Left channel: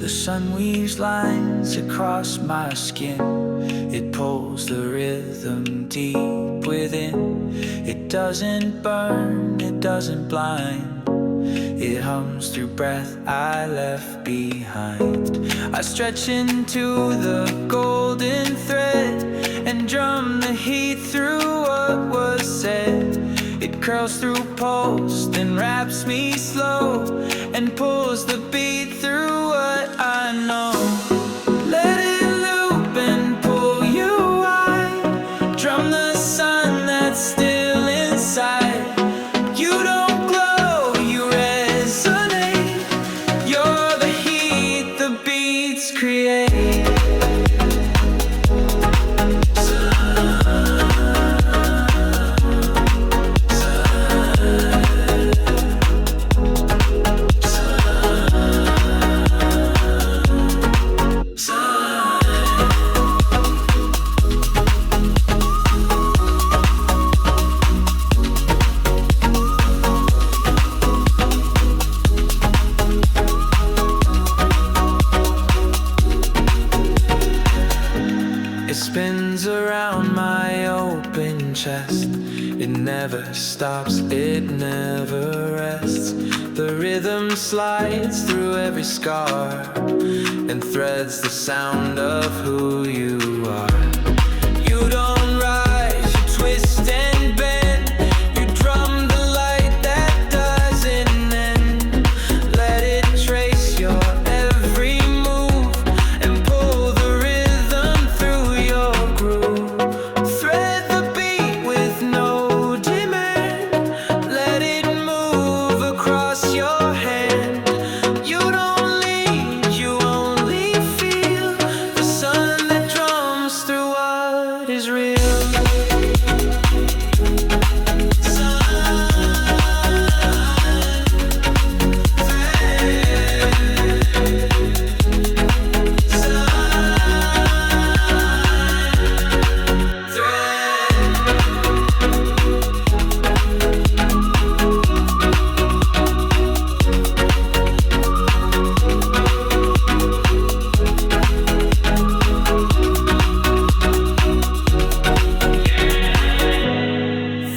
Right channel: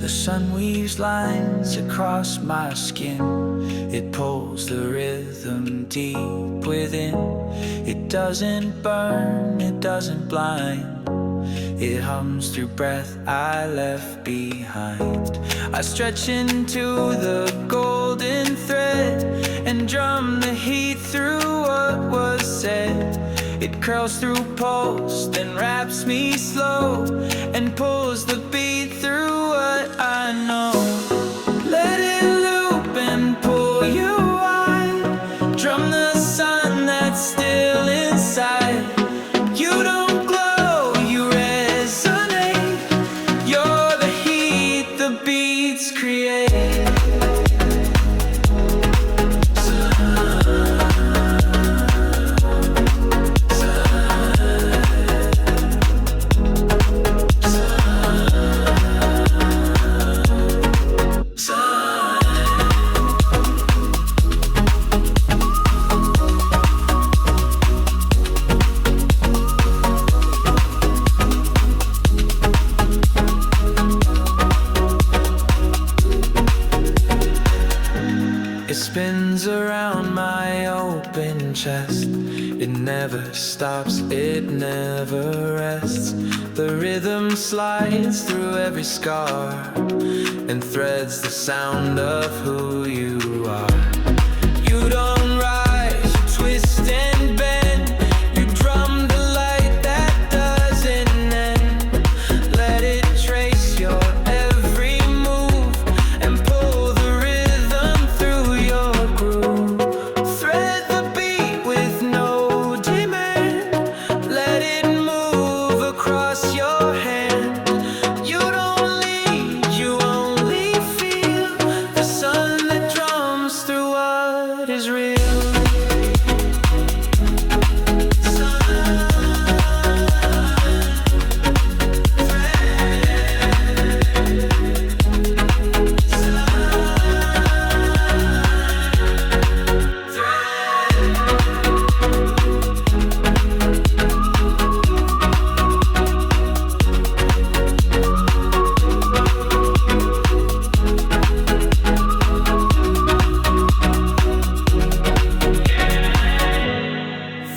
The sun weaves lines across my skin. It pulls the rhythm deep within. It doesn't burn, it doesn't blind. It hums through breath I left behind. I stretch into the golden thread and drum the heat through what was said. It curls through pulse, then wraps me slow and pulls the beat through what I know. Let it loop and pull you wide. Drum the sun that's still inside. You don't glow, you resonate. You're the heat the beats create. It spins around my open chest. It never stops, it never rests. The rhythm slides through every scar and threads the sound of who you are. You don't rise, you twist and bend. You drum the light that doesn't end. Let it trace your every move and pull the rhythm through your groove. Thread the beat with no demand. Let it move across your hand. You don't lead, you only feel the sun that drums through what is real.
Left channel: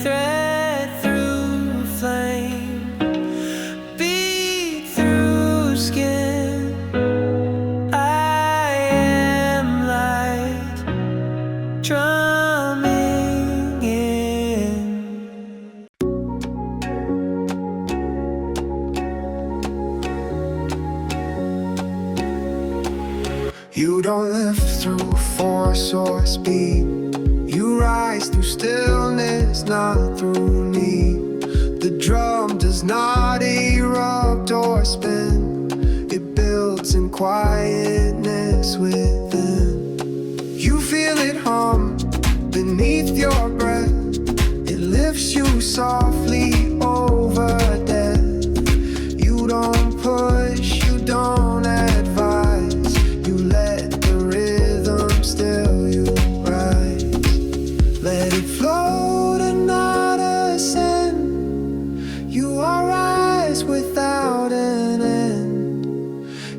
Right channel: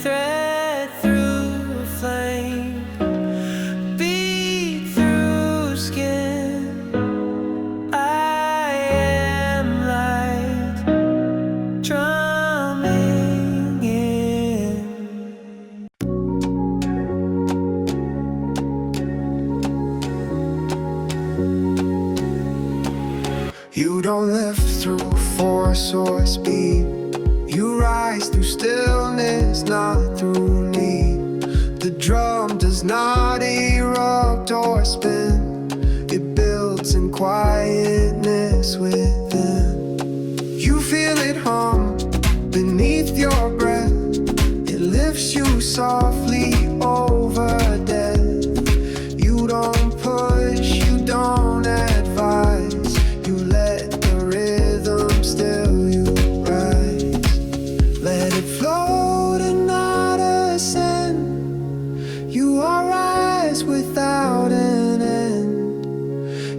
Thread through a flame, beat through skin. I am light, drumming in. You don't lift through force or speed. You rise through stillness, not through need. The drum does not erupt or spin. It builds in quietness within. You feel it hum beneath your breath. It lifts you softly over death. You don't push, you don't advise. You let the rhythm still you rise. Let it float and not ascend. You are rise without an end.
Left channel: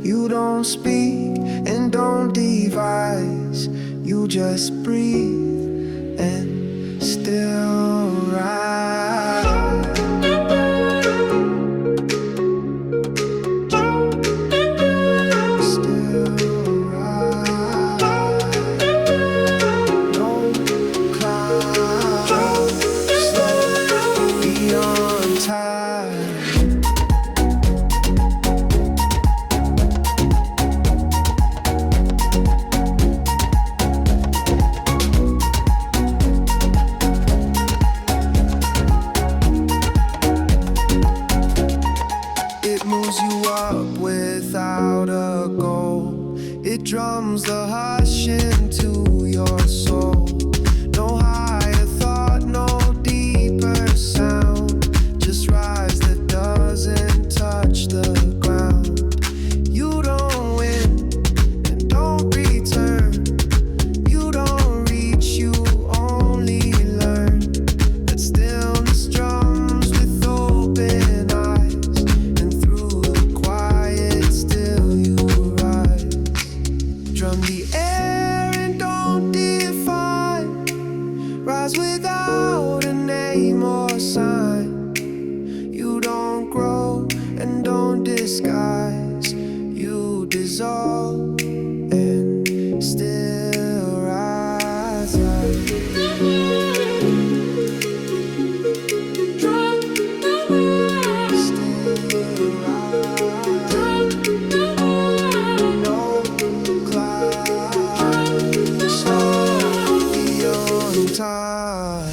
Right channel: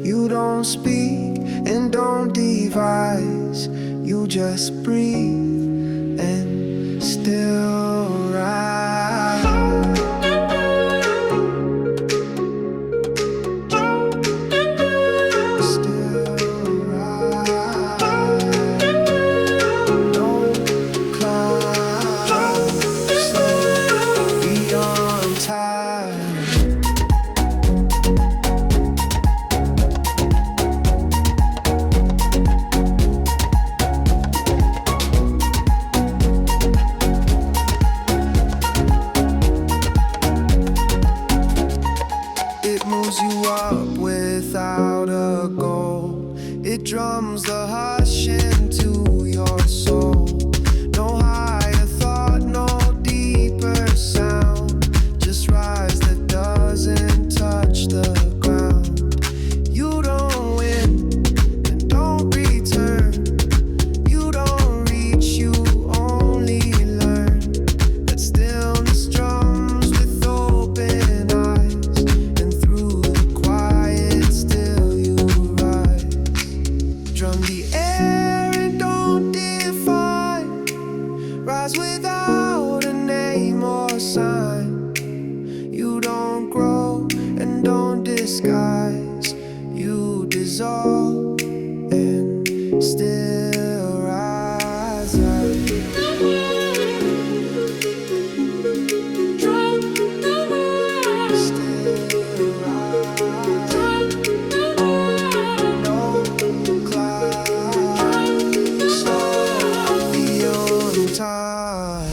You don't speak and don't devise. You just breathe and still rise. It moves you up without a goal. It drums the hush into your soul. No higher thought, no deeper sound. Just rise that doesn't touch the ground. You don't win and don't return. You don't reach, you only learn. That stillness drums with open eyes. And through the quiet still you rise. rise, you dissolve and still rise. Still rise. No cloud, slow beyond time.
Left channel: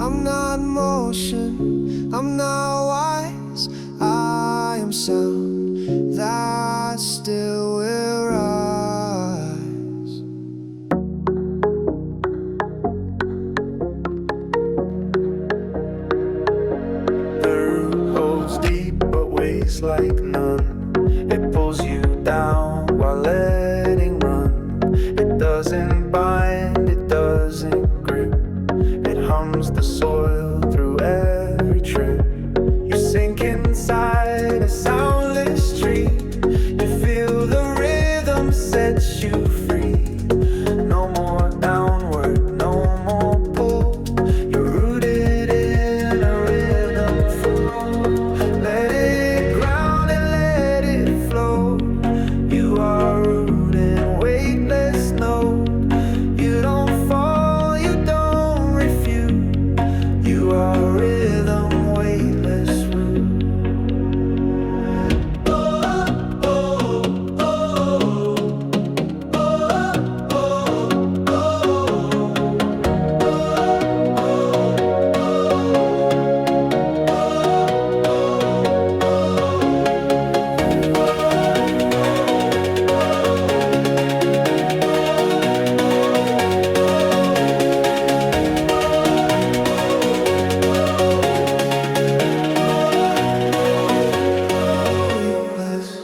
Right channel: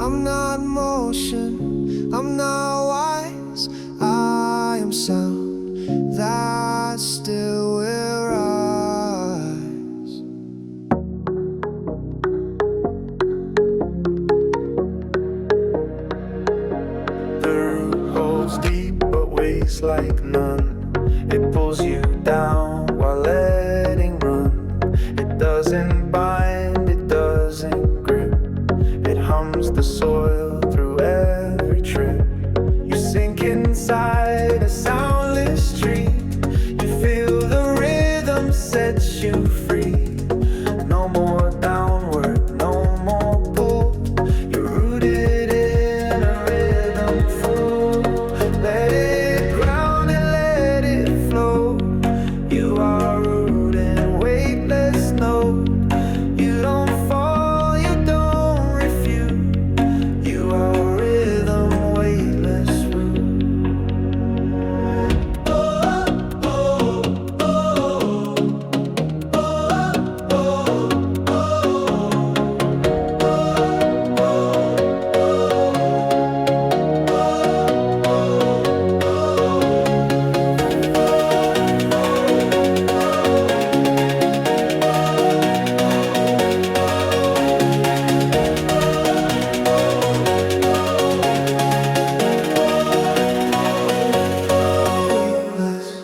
I'm not motion, I'm not wise. I am sound that still will rise. The root holds deep but weighs like none. It pulls you down while letting run. It doesn't bind, it doesn't grip. It hums the soil through every trip. You sink inside a soundless tree. You feel the rhythm sets you free. No more downward, no more pull. You're rooted in a rhythm full. Let it ground and let it flow. You are root and weightless note. You don't fall, you don't refute. You are rhythm, weightless root. Weightless.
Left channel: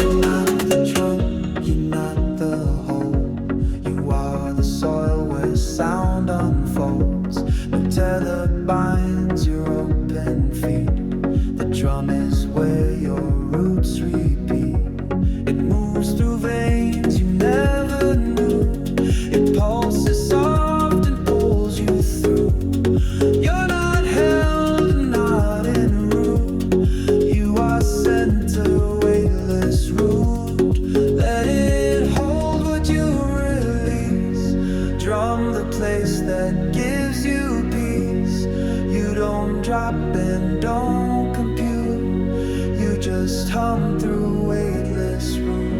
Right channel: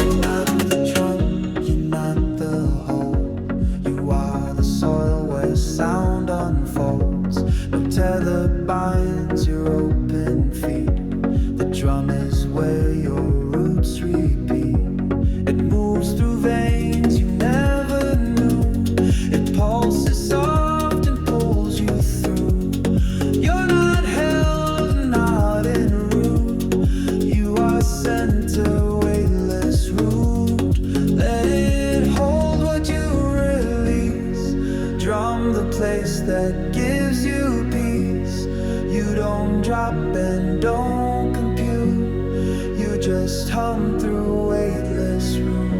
You're not the trunk, you're not the hole. You are the soil where sound unfolds. No tether binds your open feet. The drum is where your roots repeat. It moves through veins you never knew. It pulses soft and pulls you through. You're not held, not in a root. You are center, weightless root. Let it hold what you release. Drum the place that gives you peace. You don't drop and don't compute. You just hum through weightless root.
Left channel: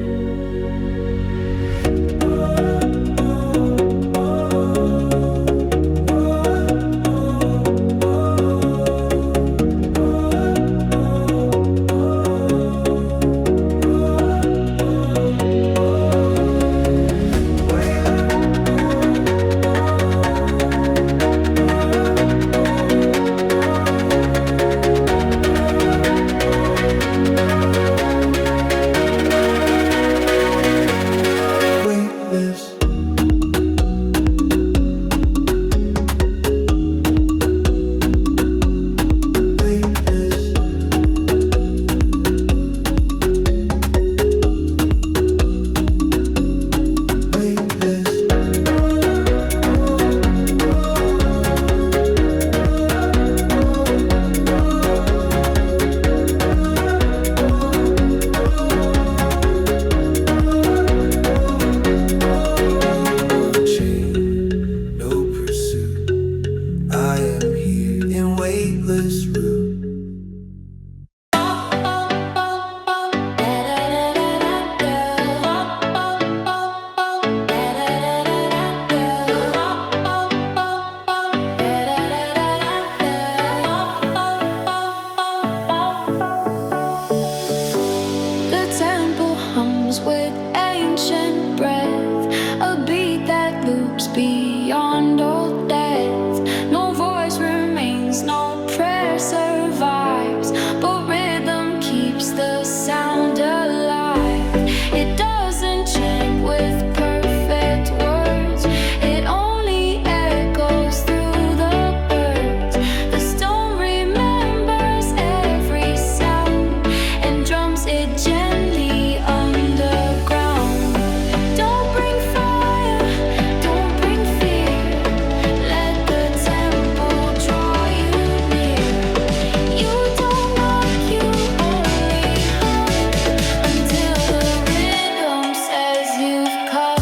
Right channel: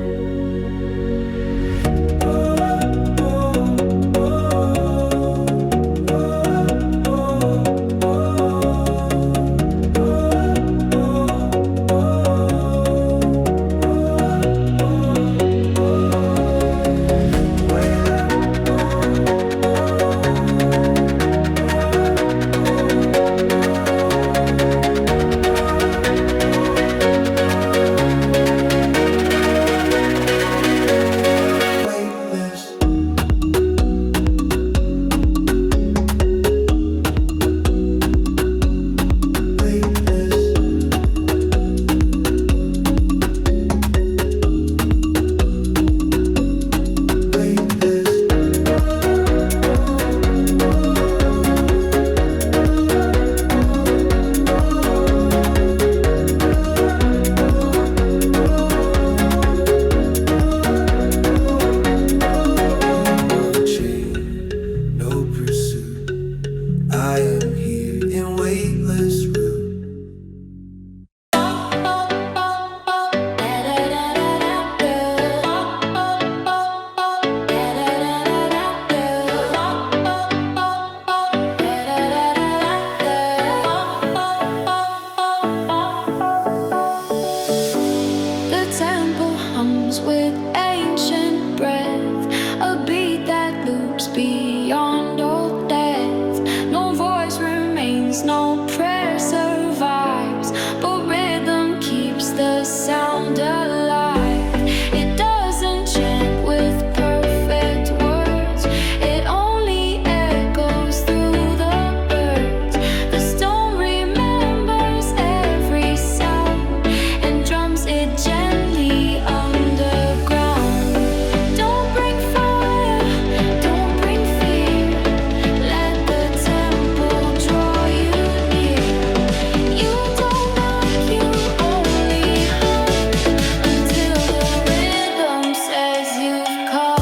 The temple hums with ancient breath, a beat that loops beyond all death. No voice remains, no prayer survives, but rhythm keeps the sound alive. It doesn't chant with perfect words, it only echoes through the birds. The stone remembers every sound and drums it gently underground. Don't bring fire, don't bring fear, let the temple draw you near. You don't knock, you only hum until the rhythm says you've come.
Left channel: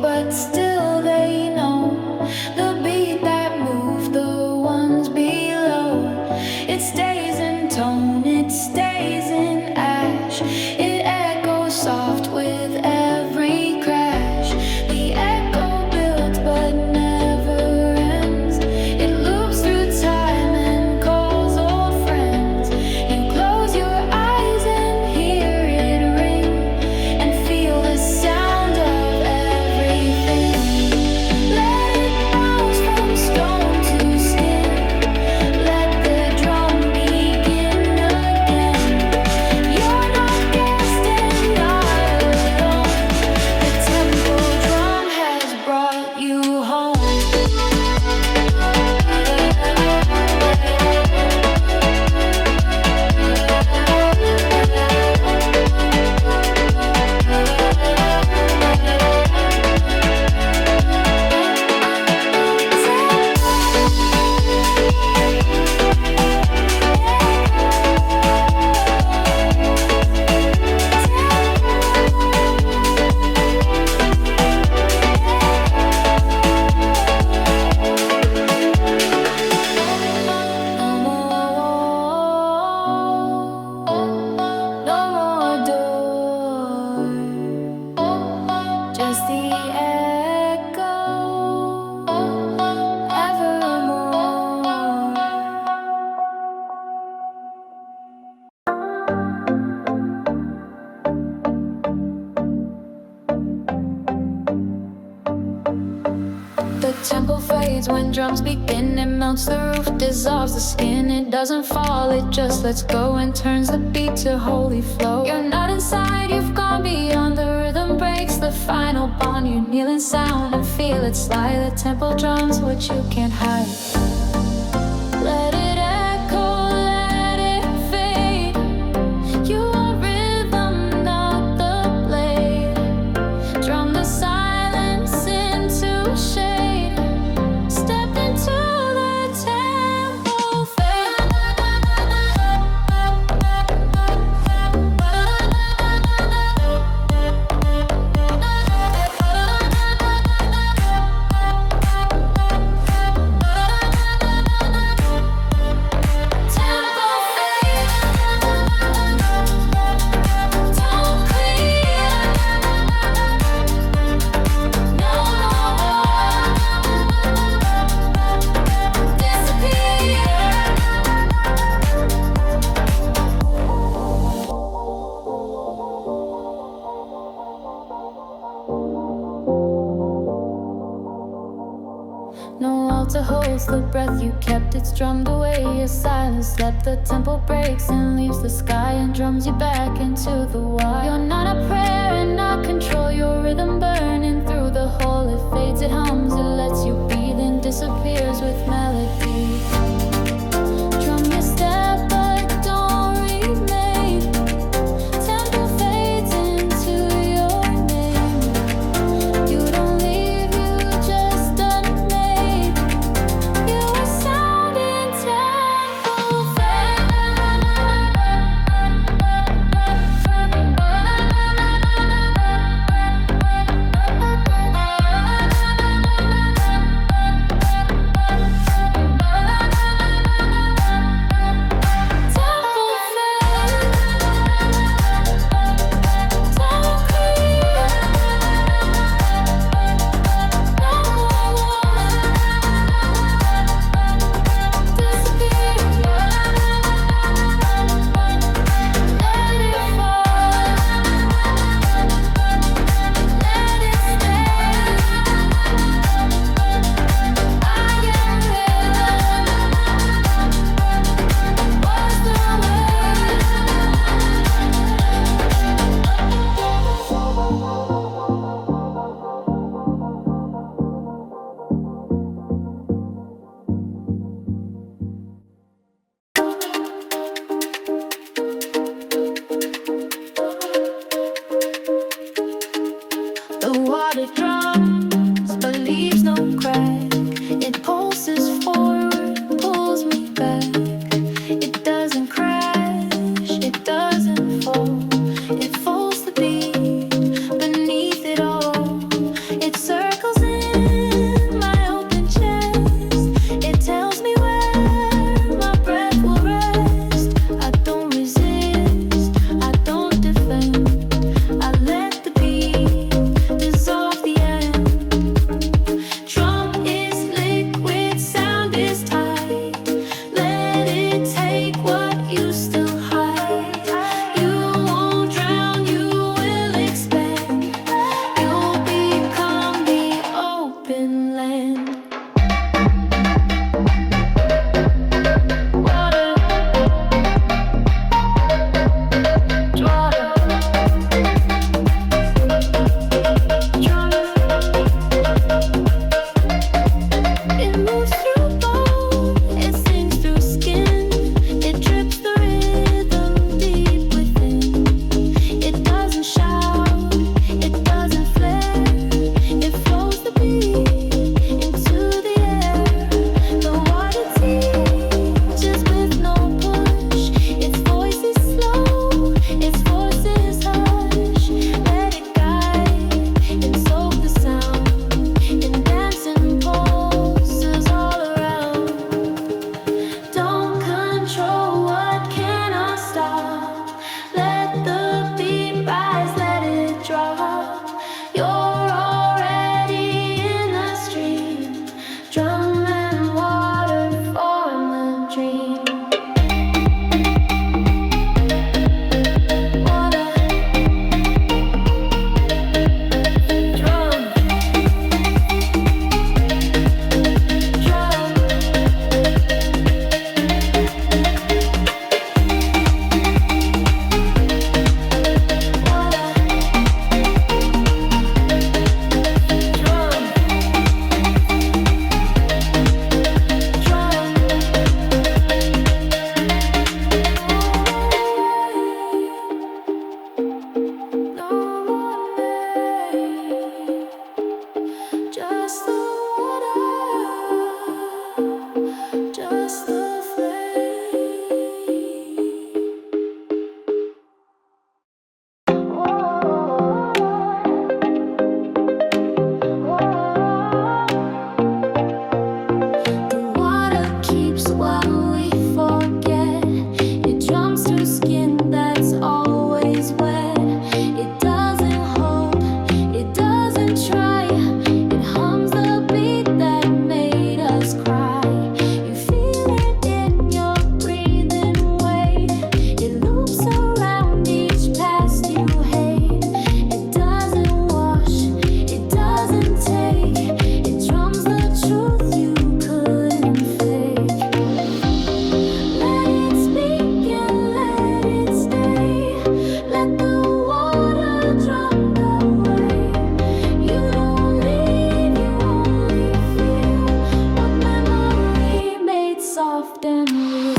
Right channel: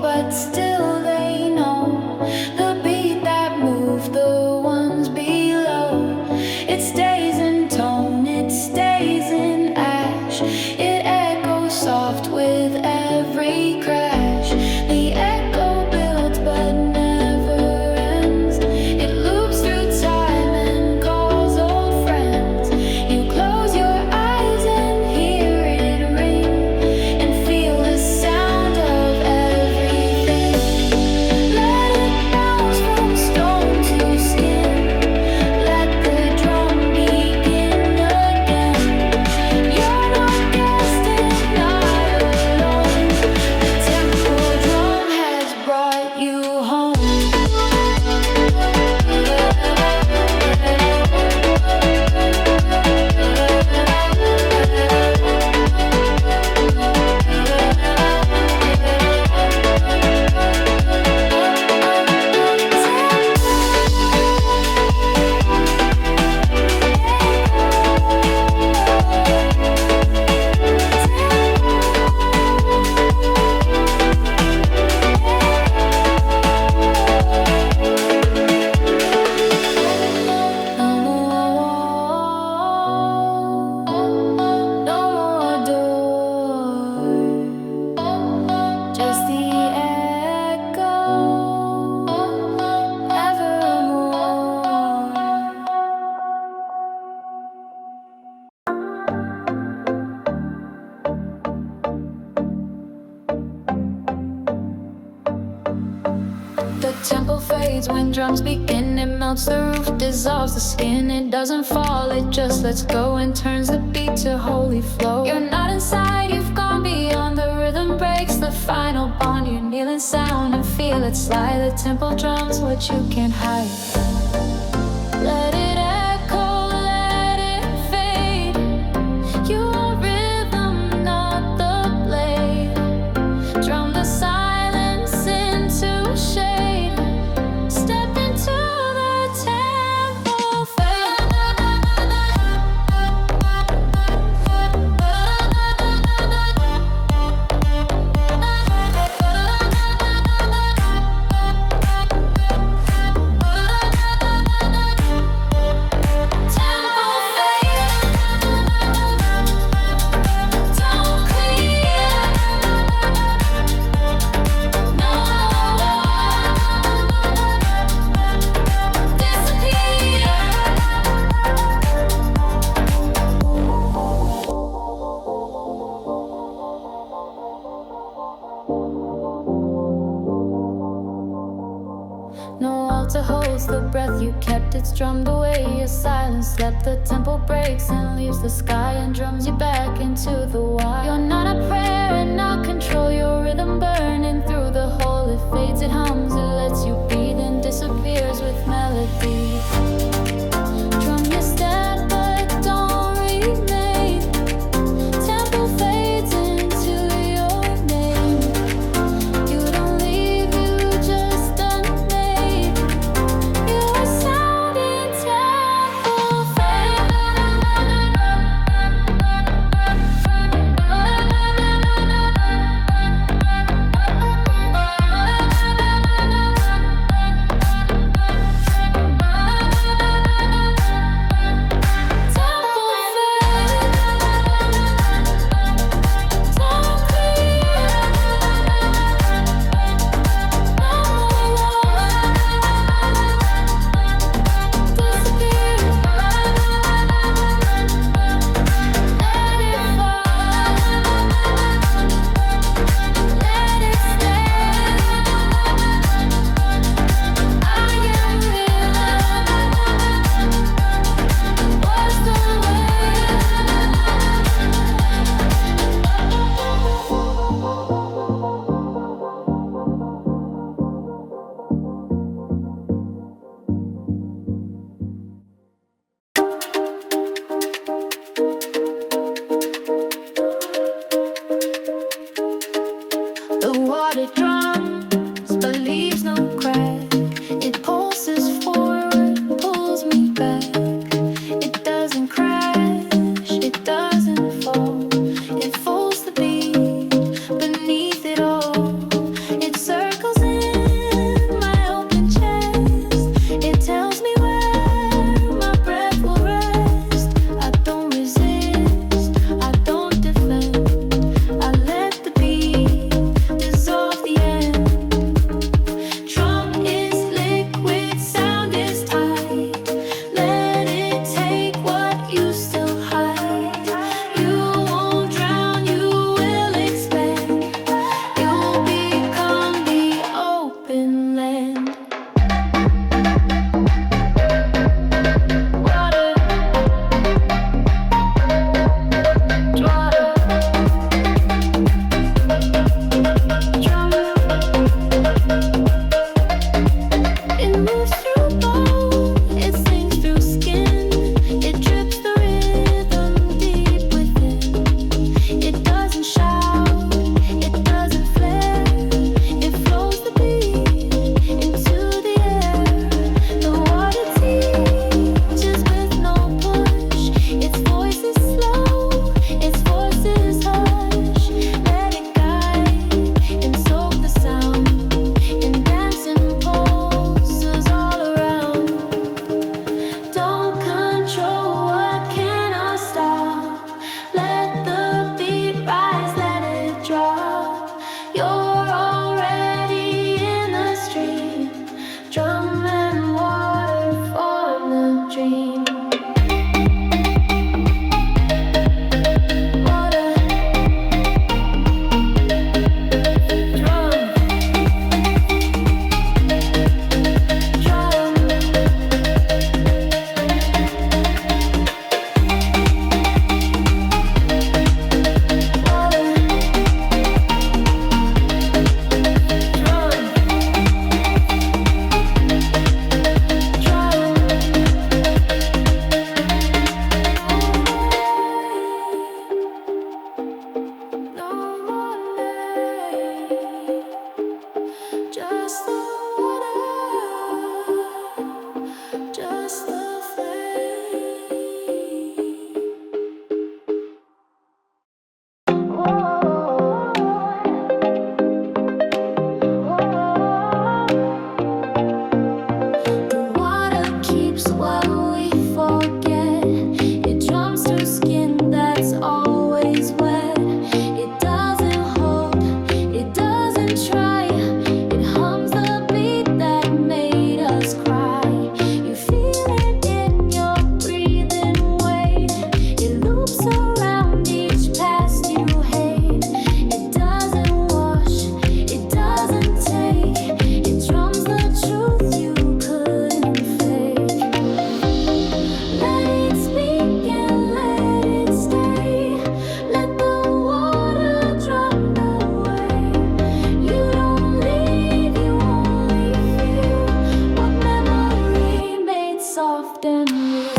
But still they know the beat that moved the ones below. It stays in tone, it stays in ash, it echoes soft with every crash. The echo builds but never ends, it loops through time and calls old friends. You close your eyes and hear it ring and feel the sound of everything. Let it bounce from stone to skin, let the drum begin again. You're not guessed and not alone, the temple drum has brought you home. Just the echo, evermore. The temple fades when drums begin. It melts the roof, dissolves the skin. It doesn't fall, it just lets go and turns the beat to holy flow. You're not inside, you've gone beyond. The rhythm breaks the final bond. You kneel in sound and feel it slide. The temple drums what you can't hide. Let it echo, let it fade. You are rhythm, not the blade. Drum the silence into shade. Step into the temple fade. No altar holds the breath you kept, it's drummed away. Your silence slept, the temple breaks and leaves the sky and drums you back into the wild. You're not a prayer and not control, your rhythm burning through the hole. It fades, it hums, it lets you be, then disappears with melody. Drum your step but don't remain. Temple fades into your name. You don't leave, you just unmade. You are sound in temple The water drums but leaves no crack. It pulses forward, pulls me back. It doesn't crash, it doesn't fall. It folds the beat beneath it all. It circles in my open chest. It tells me where my breath will rest. I don't resist, I don't defend. I let the beat dissolve the end. Drum is liquid, sound is tight. Let it take what you still hide. You won't drown, you will expand. You'll become the open land. Water, water, drum. It moves through bone, it sings through skin. It drips the rhythm deep within. It doesn't shout, it doesn't flare. It flows the beat into the air. The water teaches with no push. Its voice is slow, its force is hush. Let it guide and soak the sound in dancing pulses all around. Don't control what cannot stop. Let the beat rise, let it drop. You're already in the stream. Drum and water form the dream. Water, drum, drum. Water, drum, drum. No more name, just the water, just the flame. The water keeps what we forget. It drums through skin that's always wet. It doesn't hold, it doesn't try. It hums the beat that made us cry. You feel it in your breathing weight. It loops around each past you hate. It doesn't wash, it doesn't take. It drums the truth you couldn't fake. Let it speak and let it stay. Let the water drum the way. You don't leave, you only feel what memory made soft and real.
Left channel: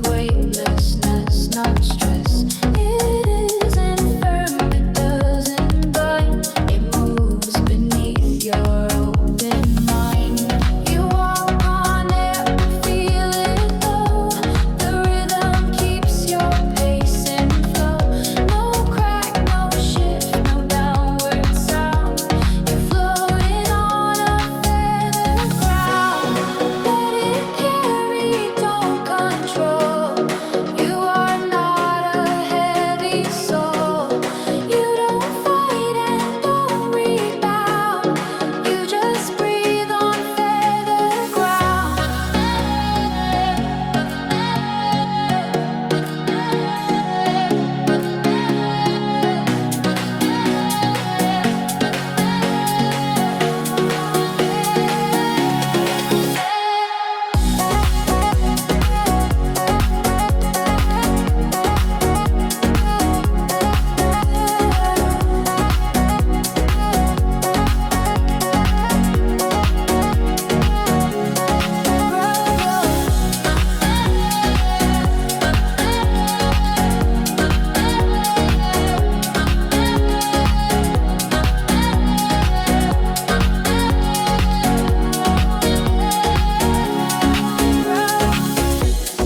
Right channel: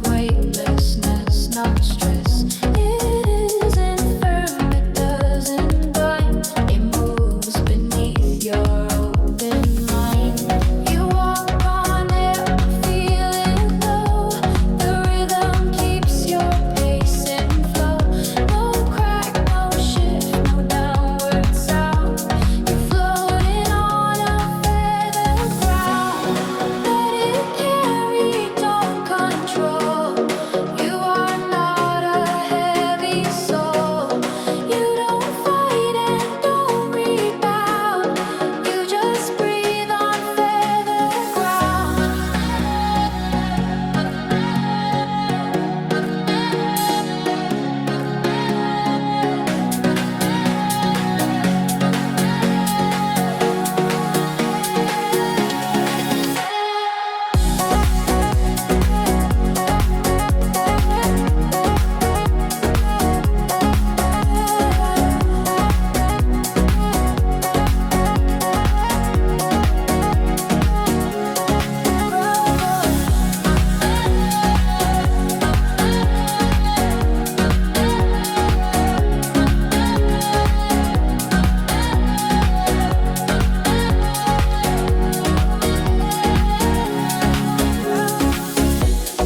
weightlessness, not stress. It isn't firm, it doesn't bind. It moves beneath your open mind. You walk on air, feel it though. The rhythm keeps your pace in flow. No crack, no shift, no downward sound. You're floating on a feather ground. Let it carry, don't control. You are not a heavy soul. You don't fight and don't rebound. You just breathe on feather ground.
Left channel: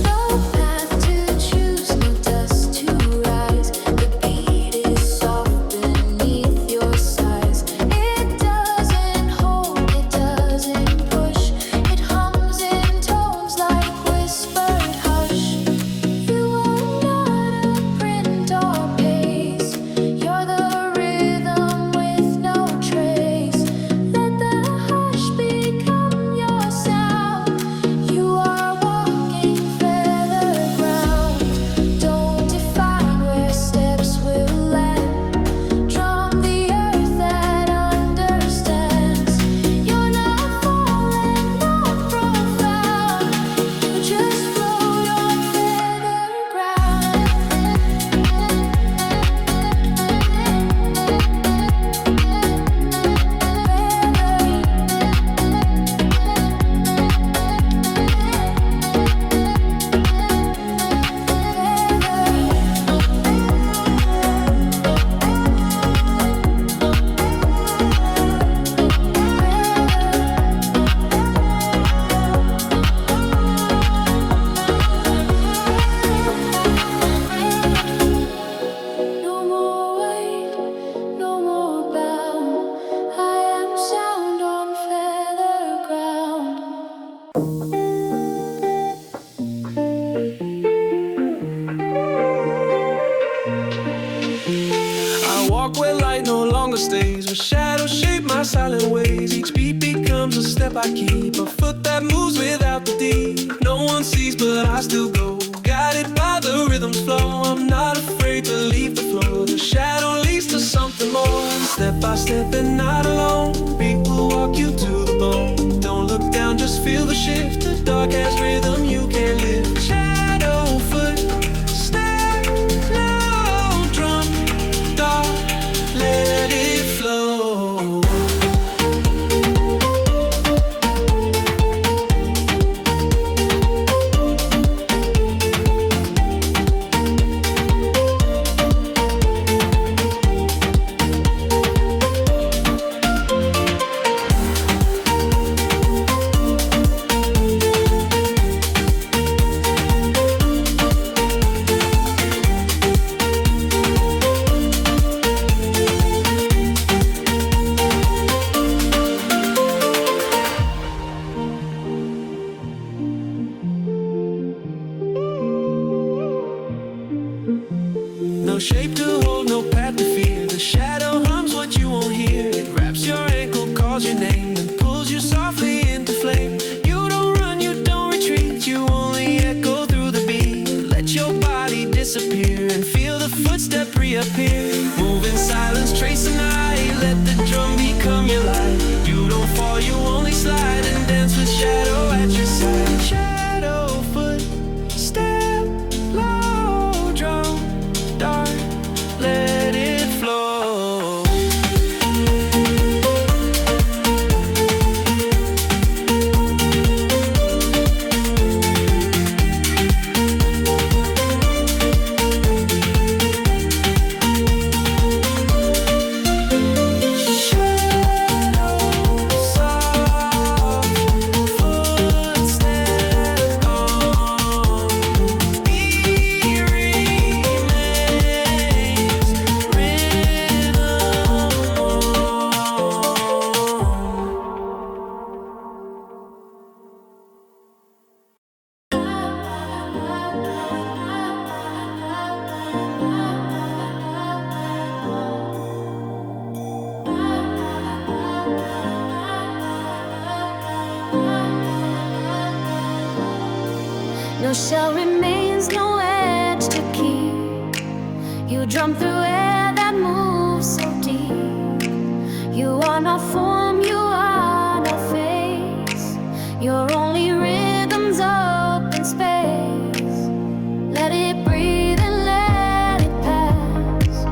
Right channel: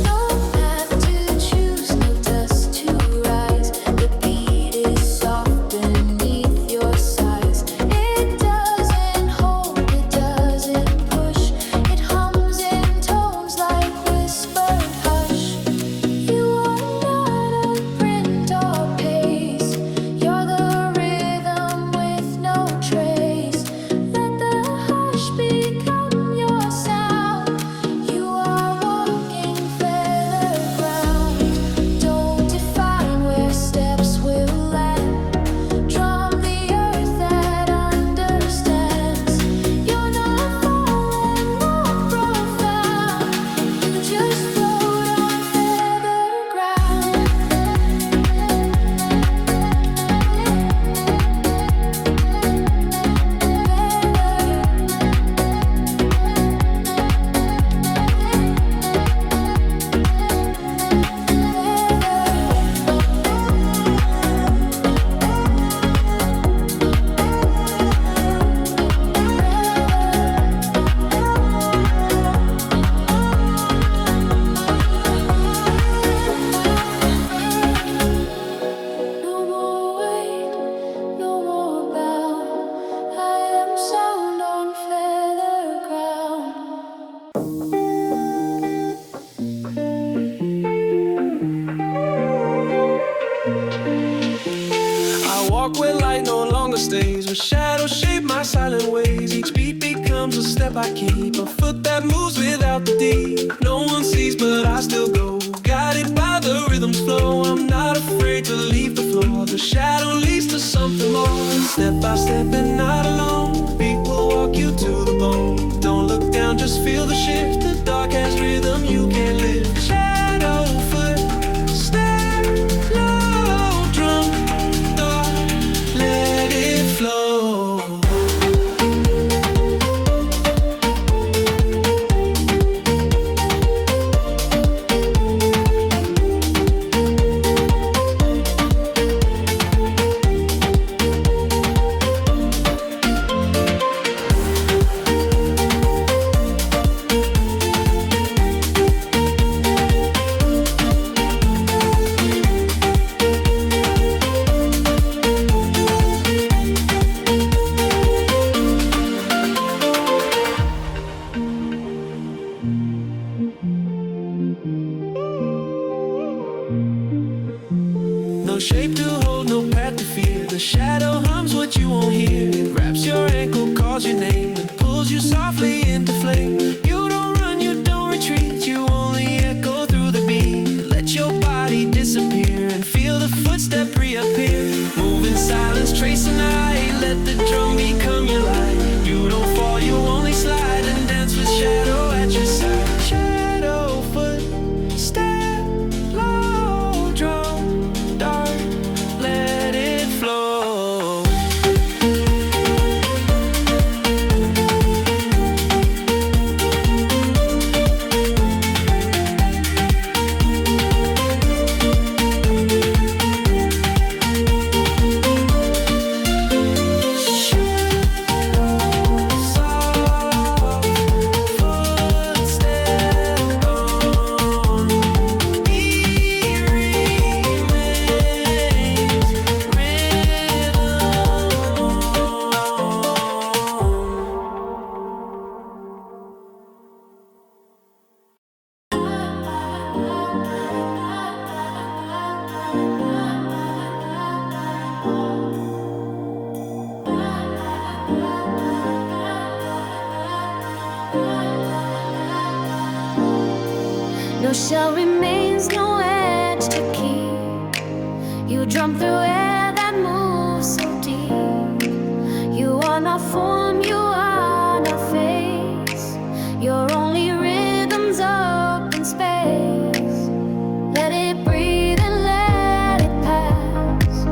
No path to choose, no dust to rise. The beat is soft beneath your size. It doesn't hold, it doesn't push. It hums in tones like whispered hush. You are not a print or pace. You're the rhythm with no trace. Let the hush become your sound. You are walking feather ground. Don't define where steps will land. Drum the earth that understands. You're not falling, not profound. You just float on feather ground. No more weight, no more bound. I am sound on feather ground. I walk where light no longer stays, where shadows shape my silent ways. Each beat becomes a step I keep, a foot that moves without the D. No one sees, but I still go, guided by the rhythm's flow. I'm not afraid to leave the floor. The shadow leads to something more. Step by step and not alone. Beat will walk you to the bone. Don't look down, just feel the shift. The dark has rhythm you can't lift. Shadow foot, step low, drum, dark, let it flow. No shape to hold, no path to fear. The shadow hums what you won't hear. It wraps your ankle, calls your name, and pulls you softly into flame. You don't run, you don't retreat, you only echo through the beat. Let your body disappear and feel the footstep reappear. Move in silence, trace an eye, let the drum become your light. You don't fall, you only slide and dance with shadow at your side. Shadow foot, step low, drum, dark, let it flow. No shell remains, no edge to keep. You drum through air that moves so deep. You are not form, you are not face. You're only rhythms up in space. Let it breathe and let it pass.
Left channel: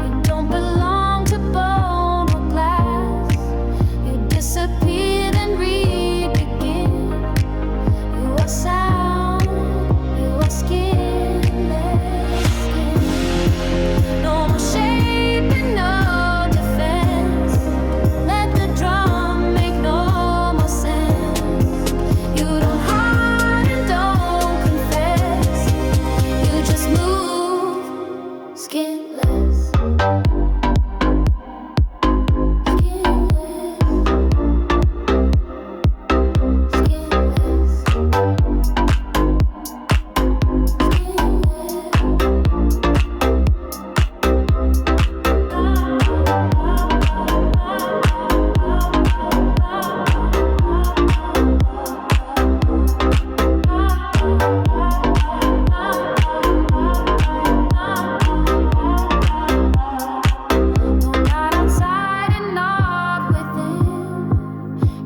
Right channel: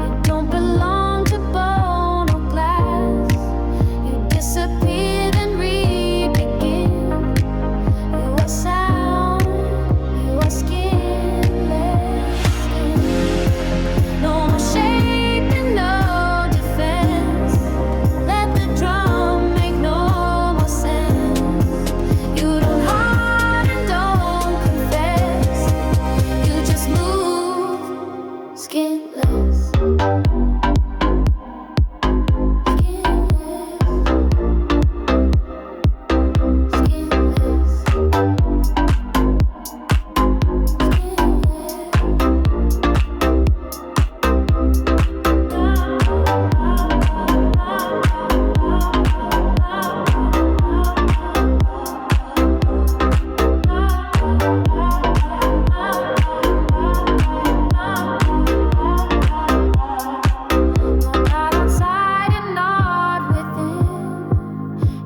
You don't belong to bone or glass. You disappear then re-begin. You are sound, you are skinless skin. No more shape and no defense. Let the drum make no more sense. You don't hide and don't confess. You just move, skinless.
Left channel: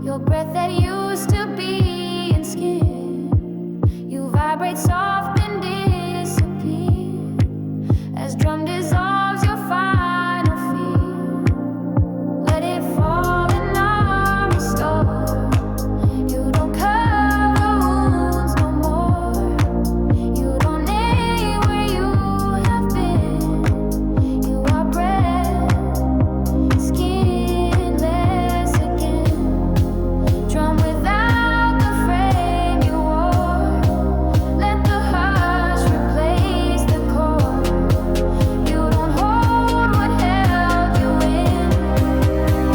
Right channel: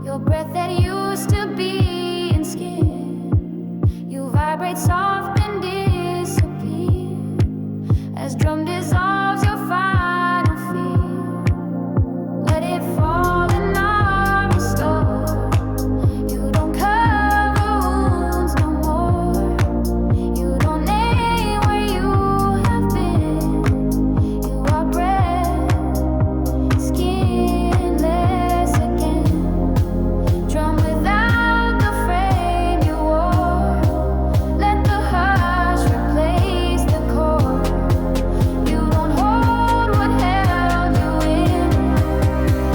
Your breath that used to be in skin. You vibrate soft and disappear as drum dissolves your final feel. Let it fall and not restore. You don't cover wounds no more. You don't name where you have been. You are breath, skinless again. Drum without the frame you wore. Let the hush replace the chord. You don't hold what held you in.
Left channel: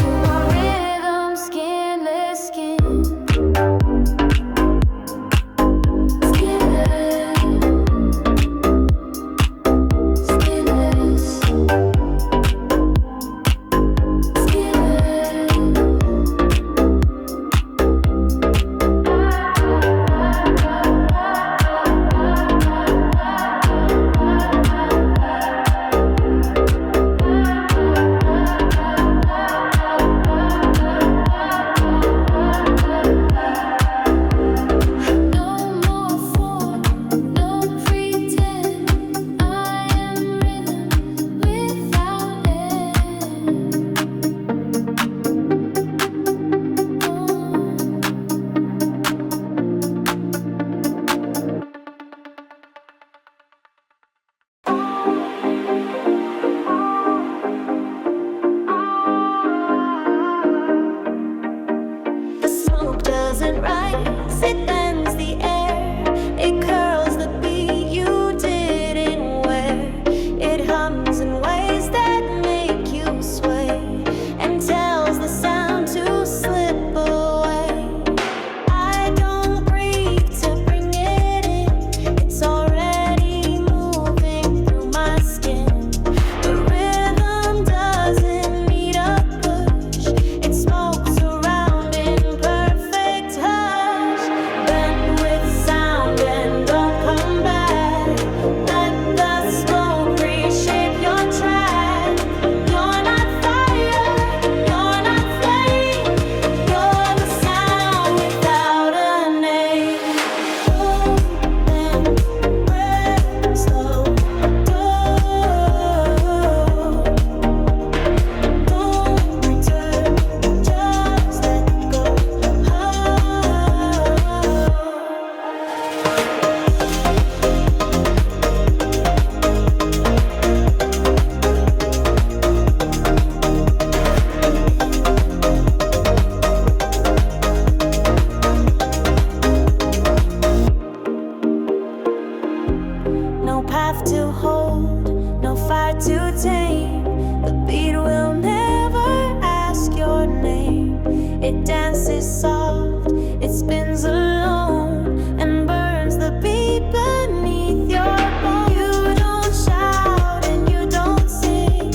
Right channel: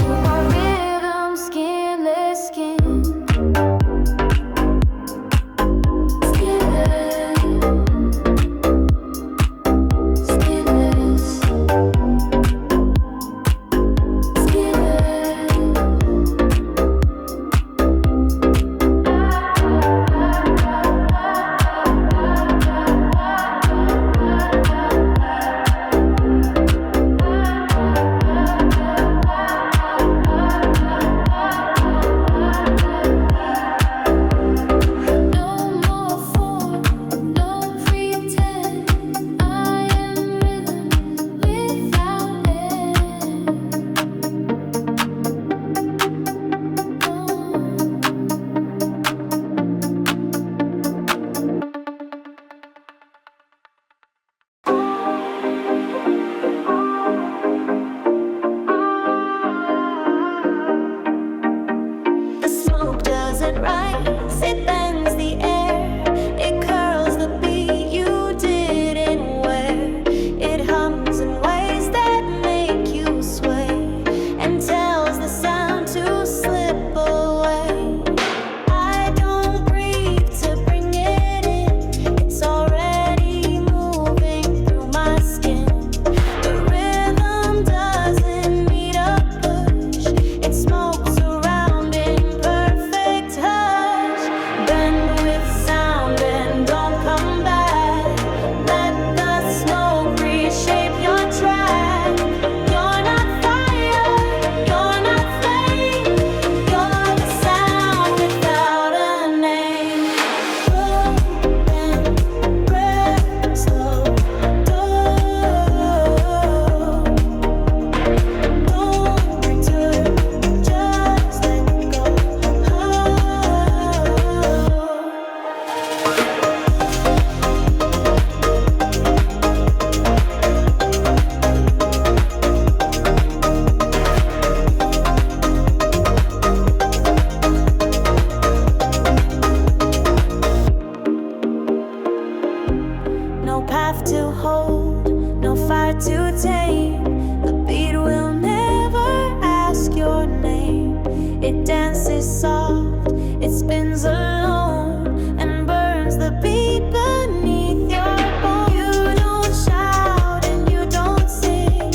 You are rhythm, skinless skin. The smoke doesn't rise, it bends the air. It curls the beat you didn't wear. It hums in ways that make you sway and tells the sound to slip away. I don't breathe to bring it in. It's already moving through my skin. The rhythm doesn't need a push. It smokes around in perfect hush. Bend with sound and don't come back. Let the smoke reshape your track. You're not fire, you're not flame. You're the sound without a name. Boom, bend, breath, slow, go. Don't return, just let go. No path to hold, no fire to tame. The beat will never ask your name. It dances soft, it spins alone and burns the beat beneath your bones. You don't shout and you don't sing.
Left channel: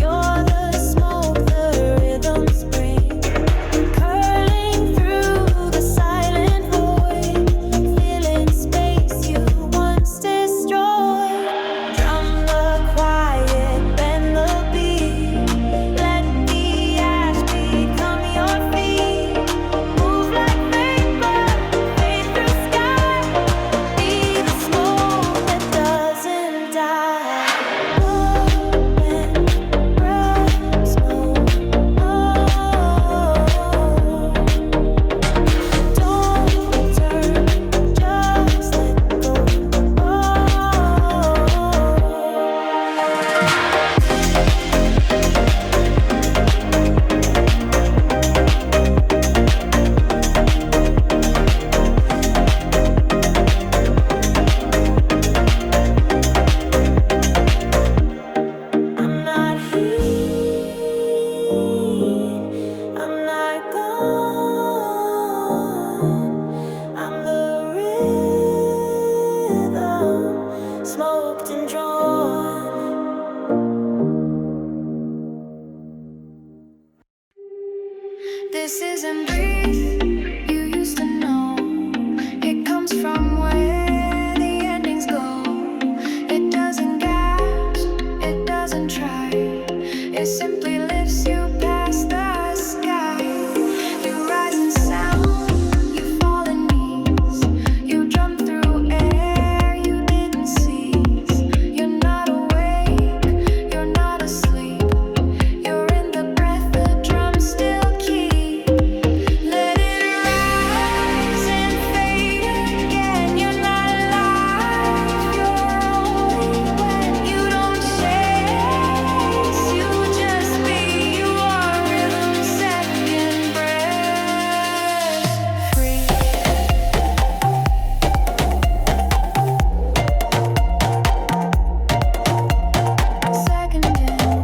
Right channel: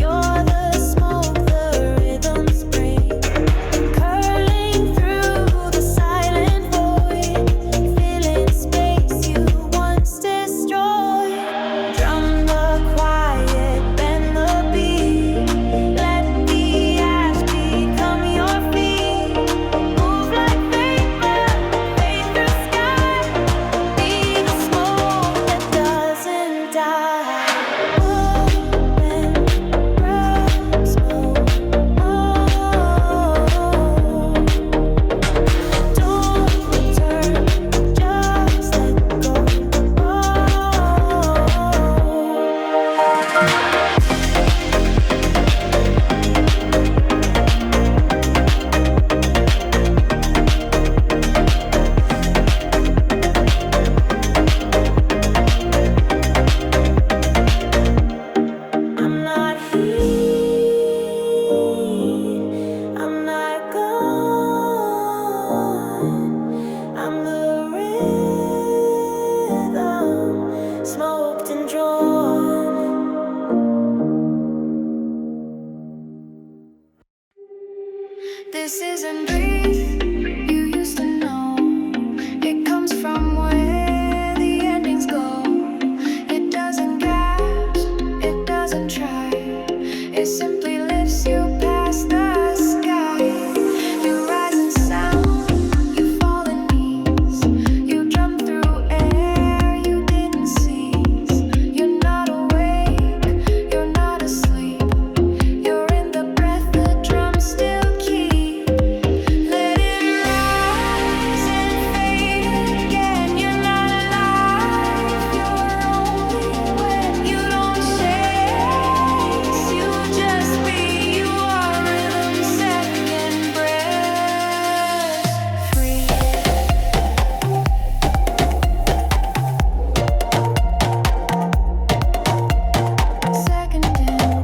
You're the smoke the rhythms bring, curling through the silent void, filling space smoked and drawn. This isn't breathe, you used to know. It comes from where the endings go. It doesn't gasp, it doesn't try. It simply lifts you past the sky. You rise in sound, you fall in knees. You jump through air you didn't seize. You're not awake, you're not asleep. You're in the breath the drums still keep. Let it rise and fade again. You're not alive, you're only when you don't chase. You just be, you are rhythm's second breath. Free. Second in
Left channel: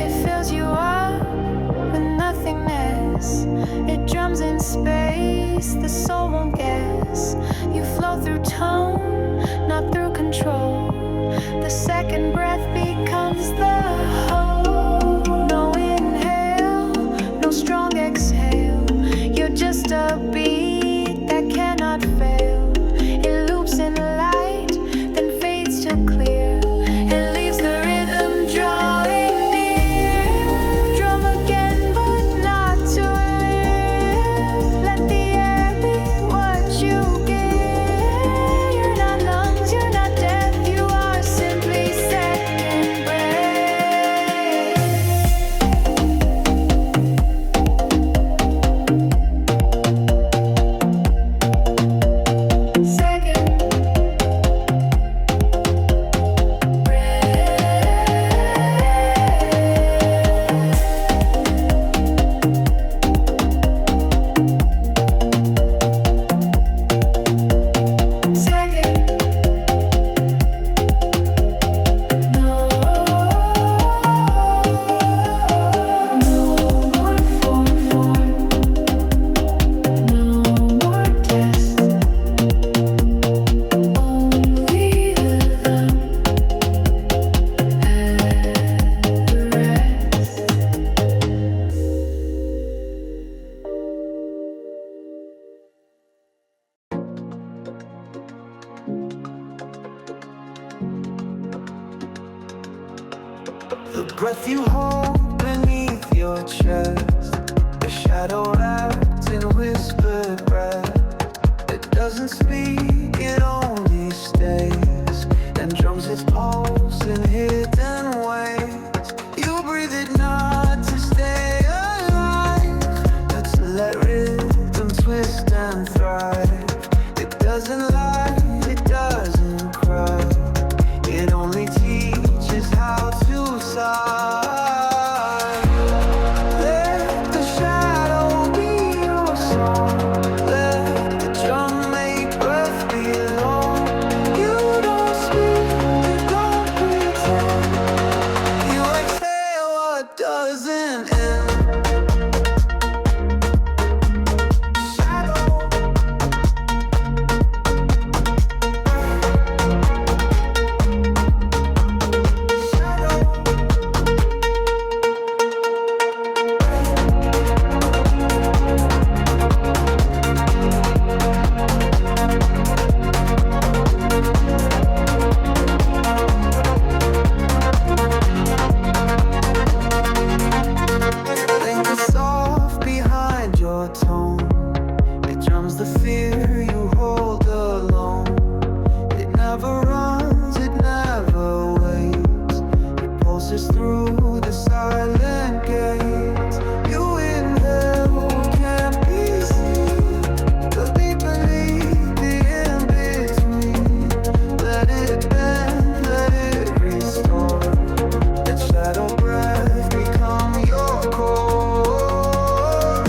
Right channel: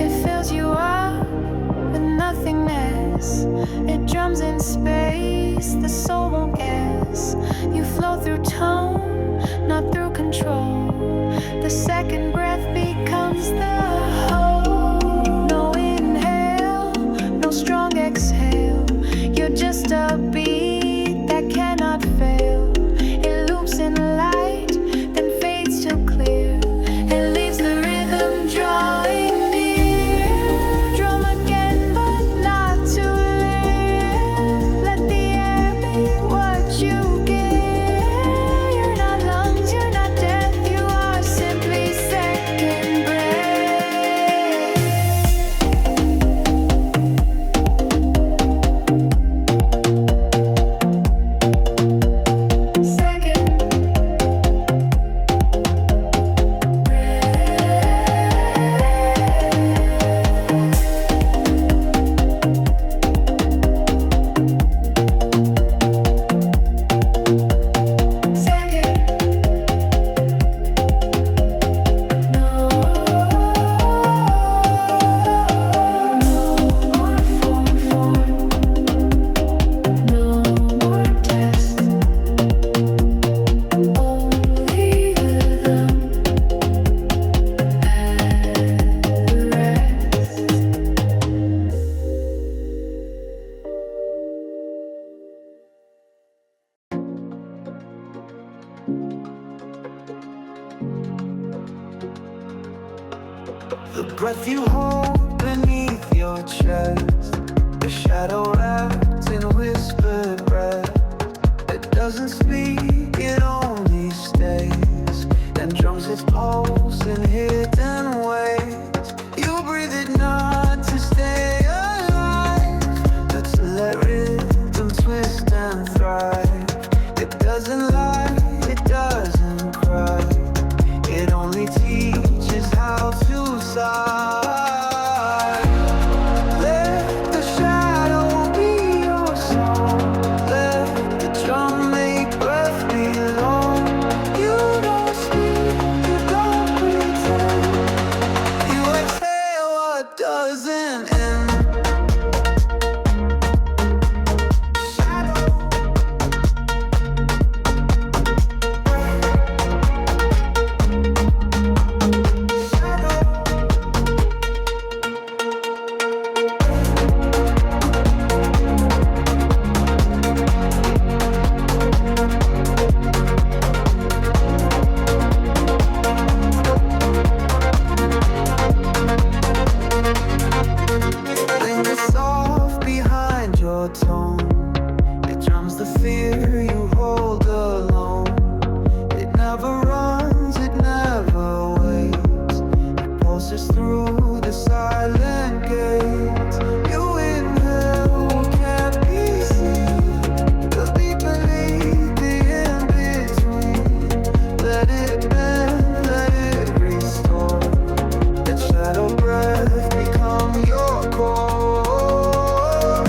it fills you up with nothingness. It drums in space, the soul won't guess. You flow through tone, not through control. The second breath becomes the whole. No inhale, no strong exhale. You're just a beat that cannot fail. It loops in light, then fades to clear. It leaves the rhythm drawing near. Drum again, but not to live. Let the air be what you give. You're not lungs, you're not death. You are simply second breath. Second The breath you hold beneath your chest, the shadow wrapped in whispered breath. It doesn't speak, it only stays, and drums its pulse in hidden ways. You breathe it not to stay alive, but to let rhythm twist and thrive. It doesn't lie, it doesn't cry. It only teaches how to sigh. Let the shadow be your song. Let the drum make breath belong. You don't speak, you don't pretend. You exhale what doesn't end. Shadow. Linger soft behind your tone. It drums the fear you hold alone. It never runs, it never waits. It pulses through the silent gates. You inhale what can't be seen, the beat beneath, the in-between. Let it bend, let it restore. Let shadow breath become your core.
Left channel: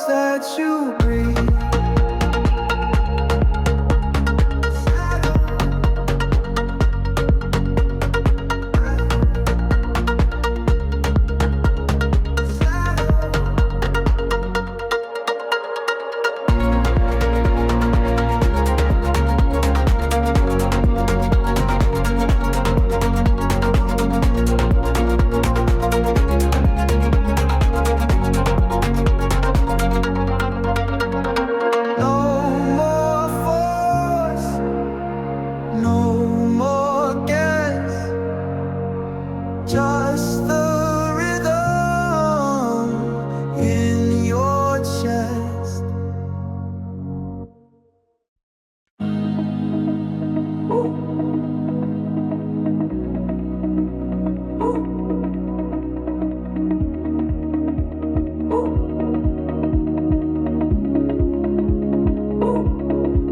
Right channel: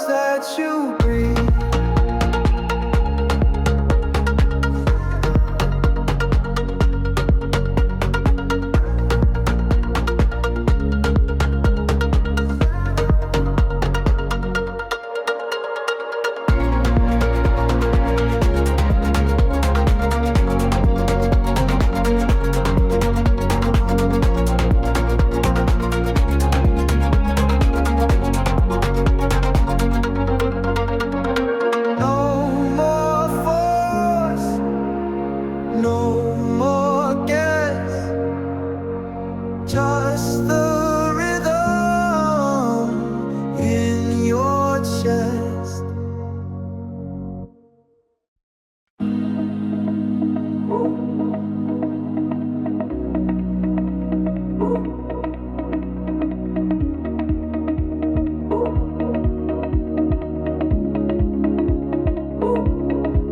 sounds that you breathe. No more guess, just the rhythm in your chest.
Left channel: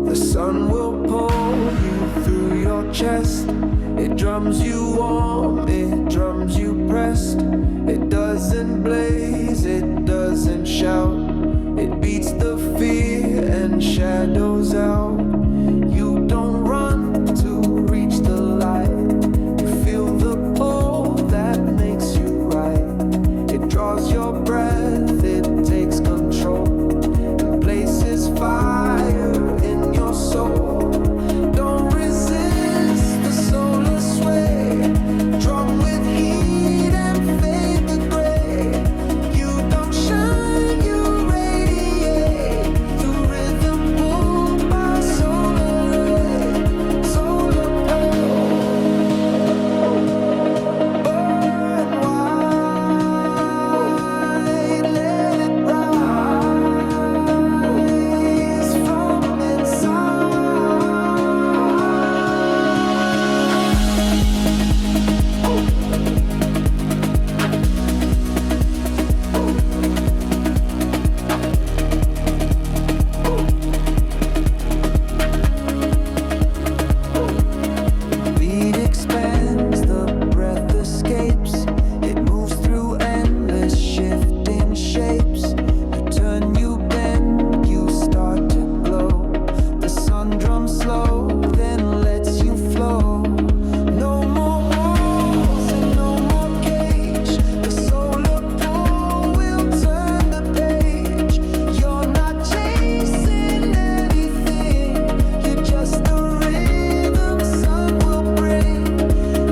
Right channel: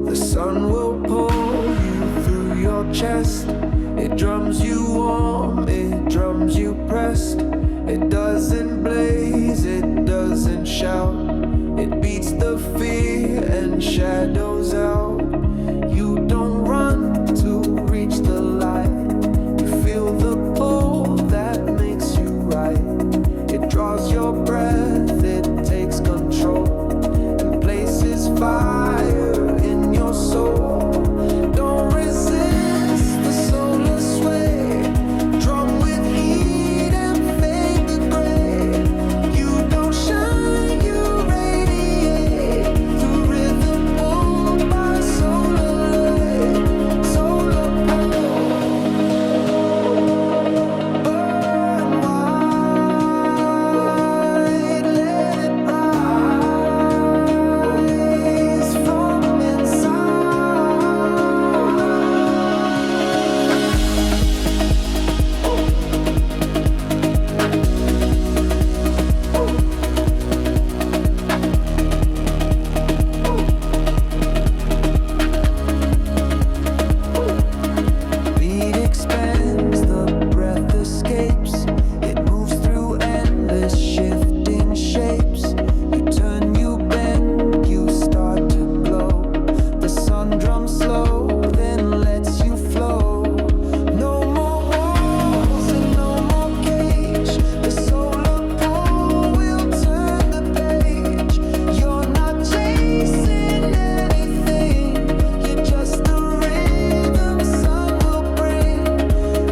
The sun will pull you through your chest. It drums you warm, it drums you pressed. It doesn't blaze, it doesn't shout. It beats the fear and shadows out. You don't run to reach the light. You feel the pull that makes you right. It draws your breath, it takes control and places fire in your soul. Don't resist the solar sway. Drum with heat and fade the gray. You don't shine, you radiate. The rhythm pulled by solar ray. Solar pull. Burn wide, let it rise from inside. Beat expands, the breath escapes. It moves through endless shifting shapes. You turn, you bend, you start to glow. The sun drums slow, then lets you flow. No more walls and no more cage. The solar pull will turn the page. You're not chasing anything, you're just the rhythm sun will bring.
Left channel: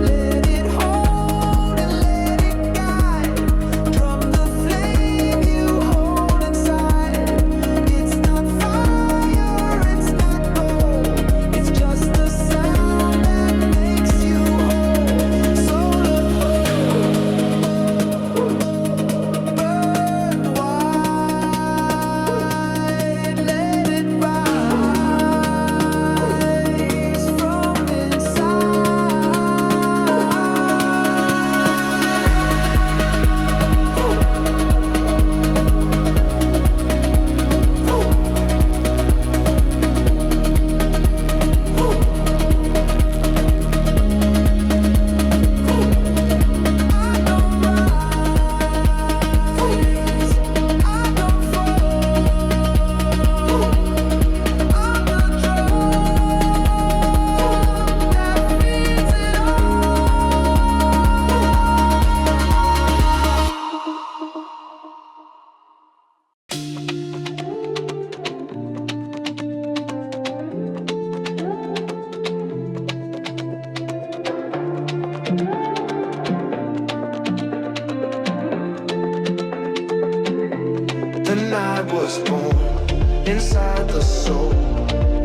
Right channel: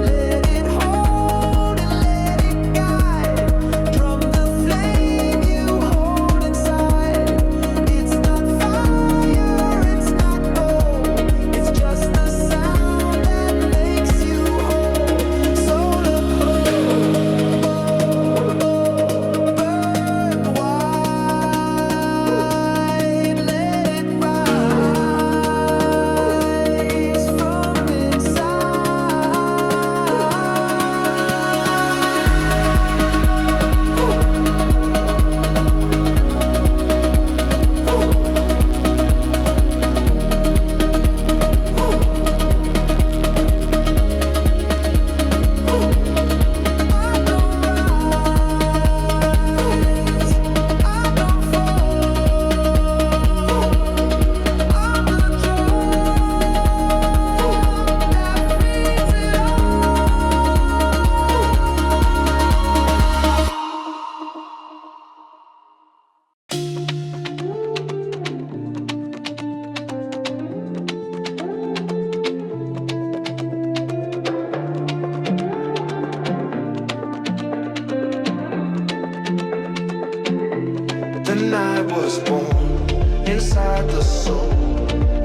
Let it hold and let it guide. Drum the flame you hold inside. It's not fire, it's not gold. It's just the sound that makes you whole. Solar pull, burn wide, let it rise from inside. I don't rise, I don't fall. I'm the drum that feeds it The night was born inside the soul.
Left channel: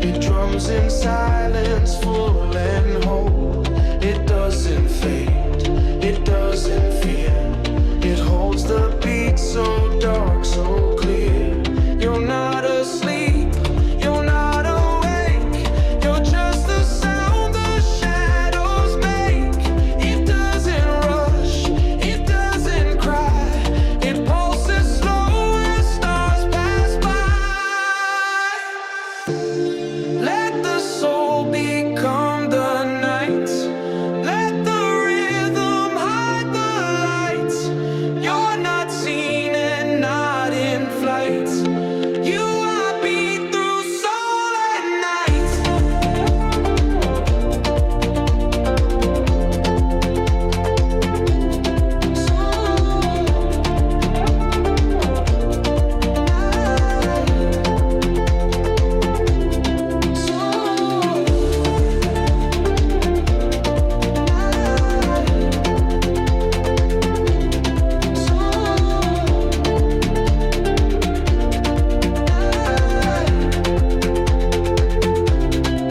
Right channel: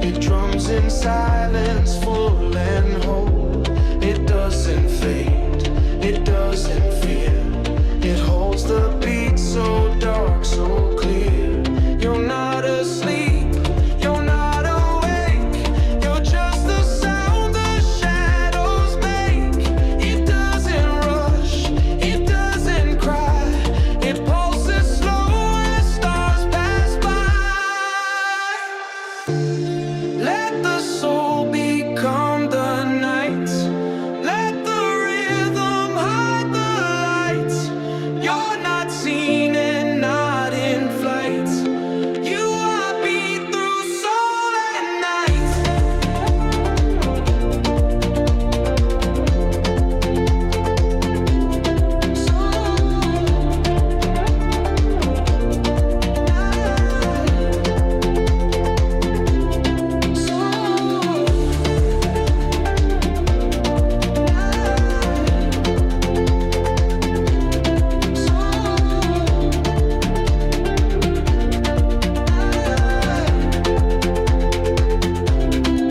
It drums in silence, full and whole. It doesn't fade, it doesn't fear. It holds the beat so dark, so clear. You're not asleep, you're not awake. You're just the sound the shadows make. It doesn't rush, it doesn't cry. It pulses slow as stars pass by. Let the soul become the night. Let the rhythm hide the lights. You're not seen and not in flight. You I beat through soul at night.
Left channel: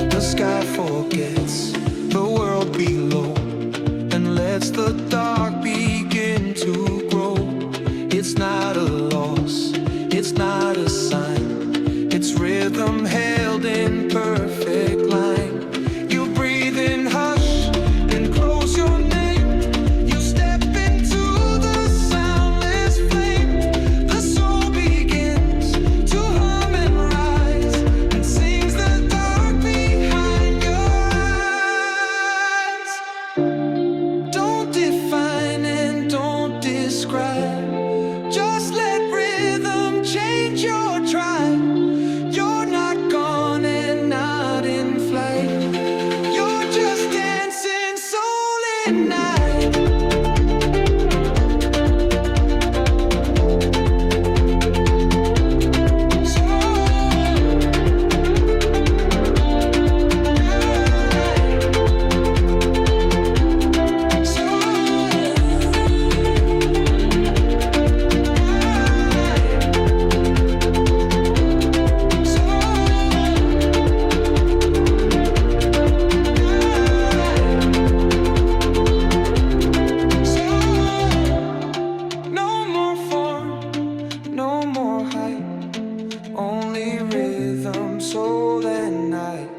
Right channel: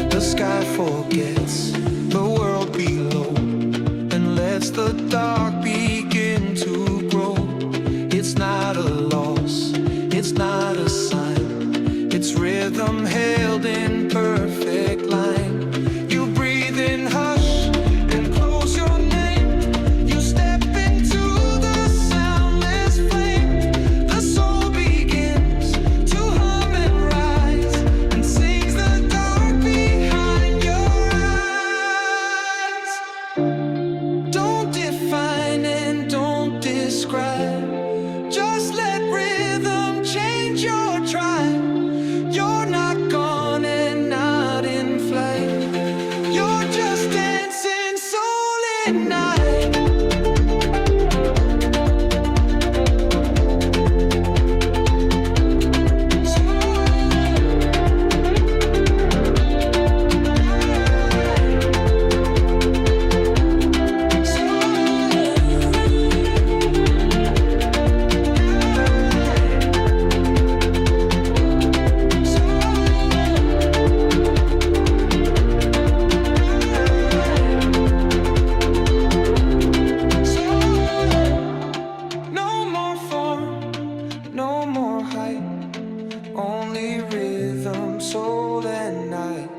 The sky forgets the world below and lets the dark begin to grow. It's not a loss, it's not a sign, it's rhythm held in perfect line. You breathe in hush and close your name. You step into the soundless flame. The soul begins to hum and rise and sings the dark behind your eyes. Don't define and don't describe, just let rhythm change your tribe. You're not gone and not in flight, you're just dancing soul at night. No more form, no more height, only rhythm, soul and night.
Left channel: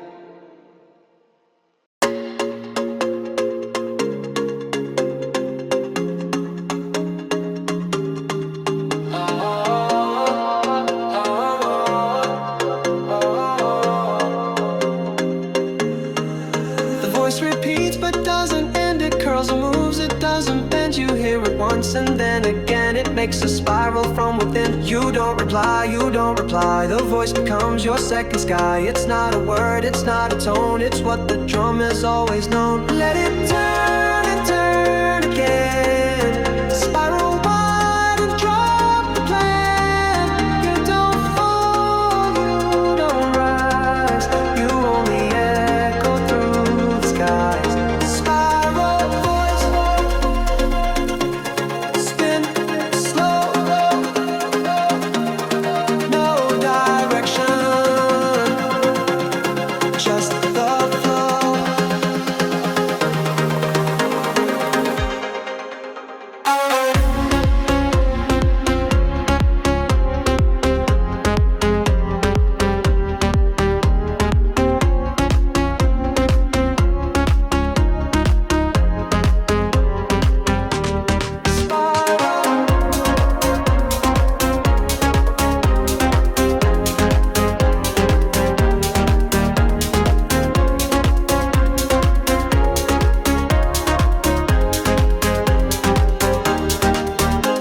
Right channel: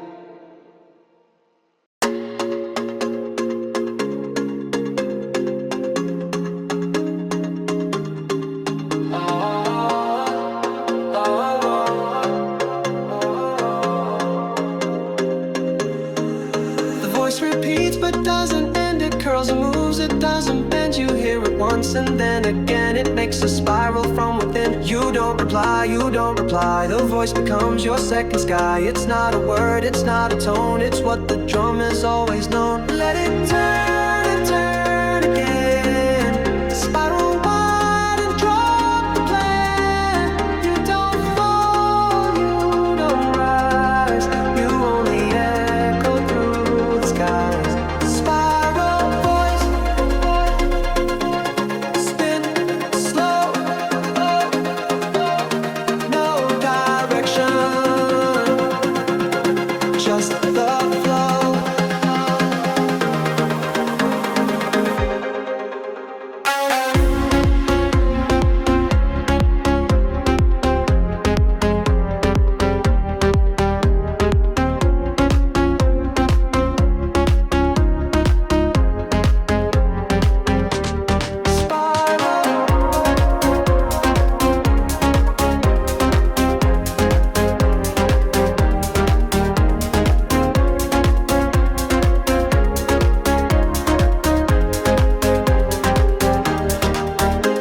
The voice repeats but doesn't end. It curls and moves, it doesn't bend. You hear it once and then again. It makes a spiral from within. You don't reply, you don't reply. The voice becomes your second sky. It's not a word, it's not a tone, it's what the drum has always known. Let it turn and turn again. Spiral wide and drop the plan. You don't fall, you don't rise. You only echo through the skies. Spiral voice, spin slow, no direction, just the flow.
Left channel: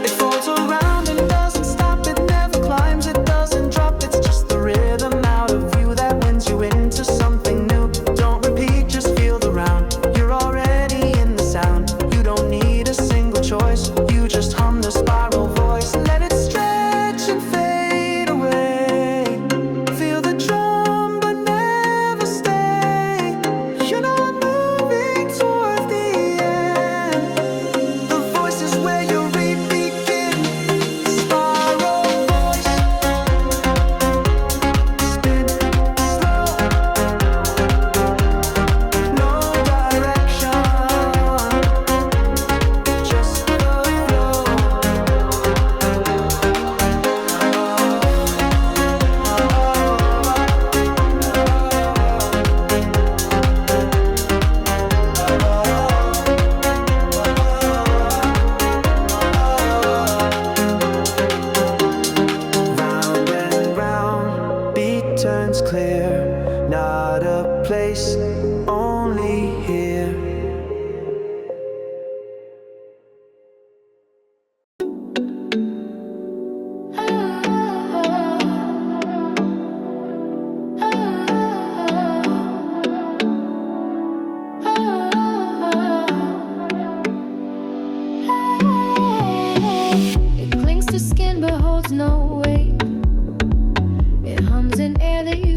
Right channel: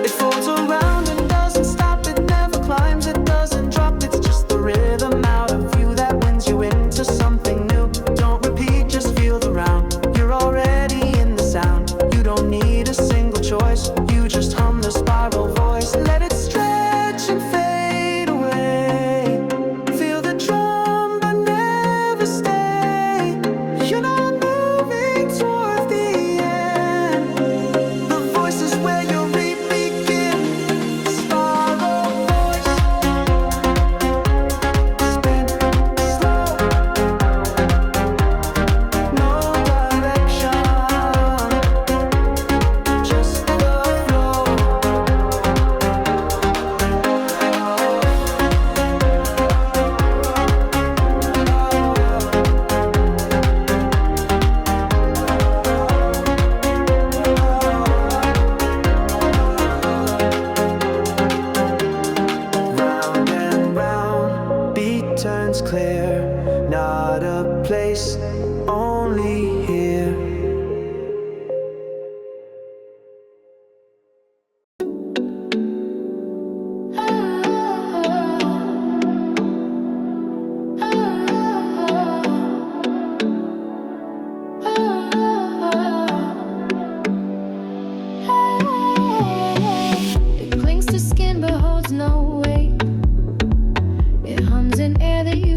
It folds around and doesn't stop. It never climbs, it doesn't drop. It's just the rhythm out of you that wins you into something new. Don't repeat, just feel the round. You're already in the sound. You don't need a single choice. You just hum the spiral voice. Let it stretch and fade away. Feel the drum but never stay. You're not moving toward the end. The voice is where your read begin. Spiral voice, spin slow, no direction, just the flow. Round and round, beat turns clear. Not a place, only here.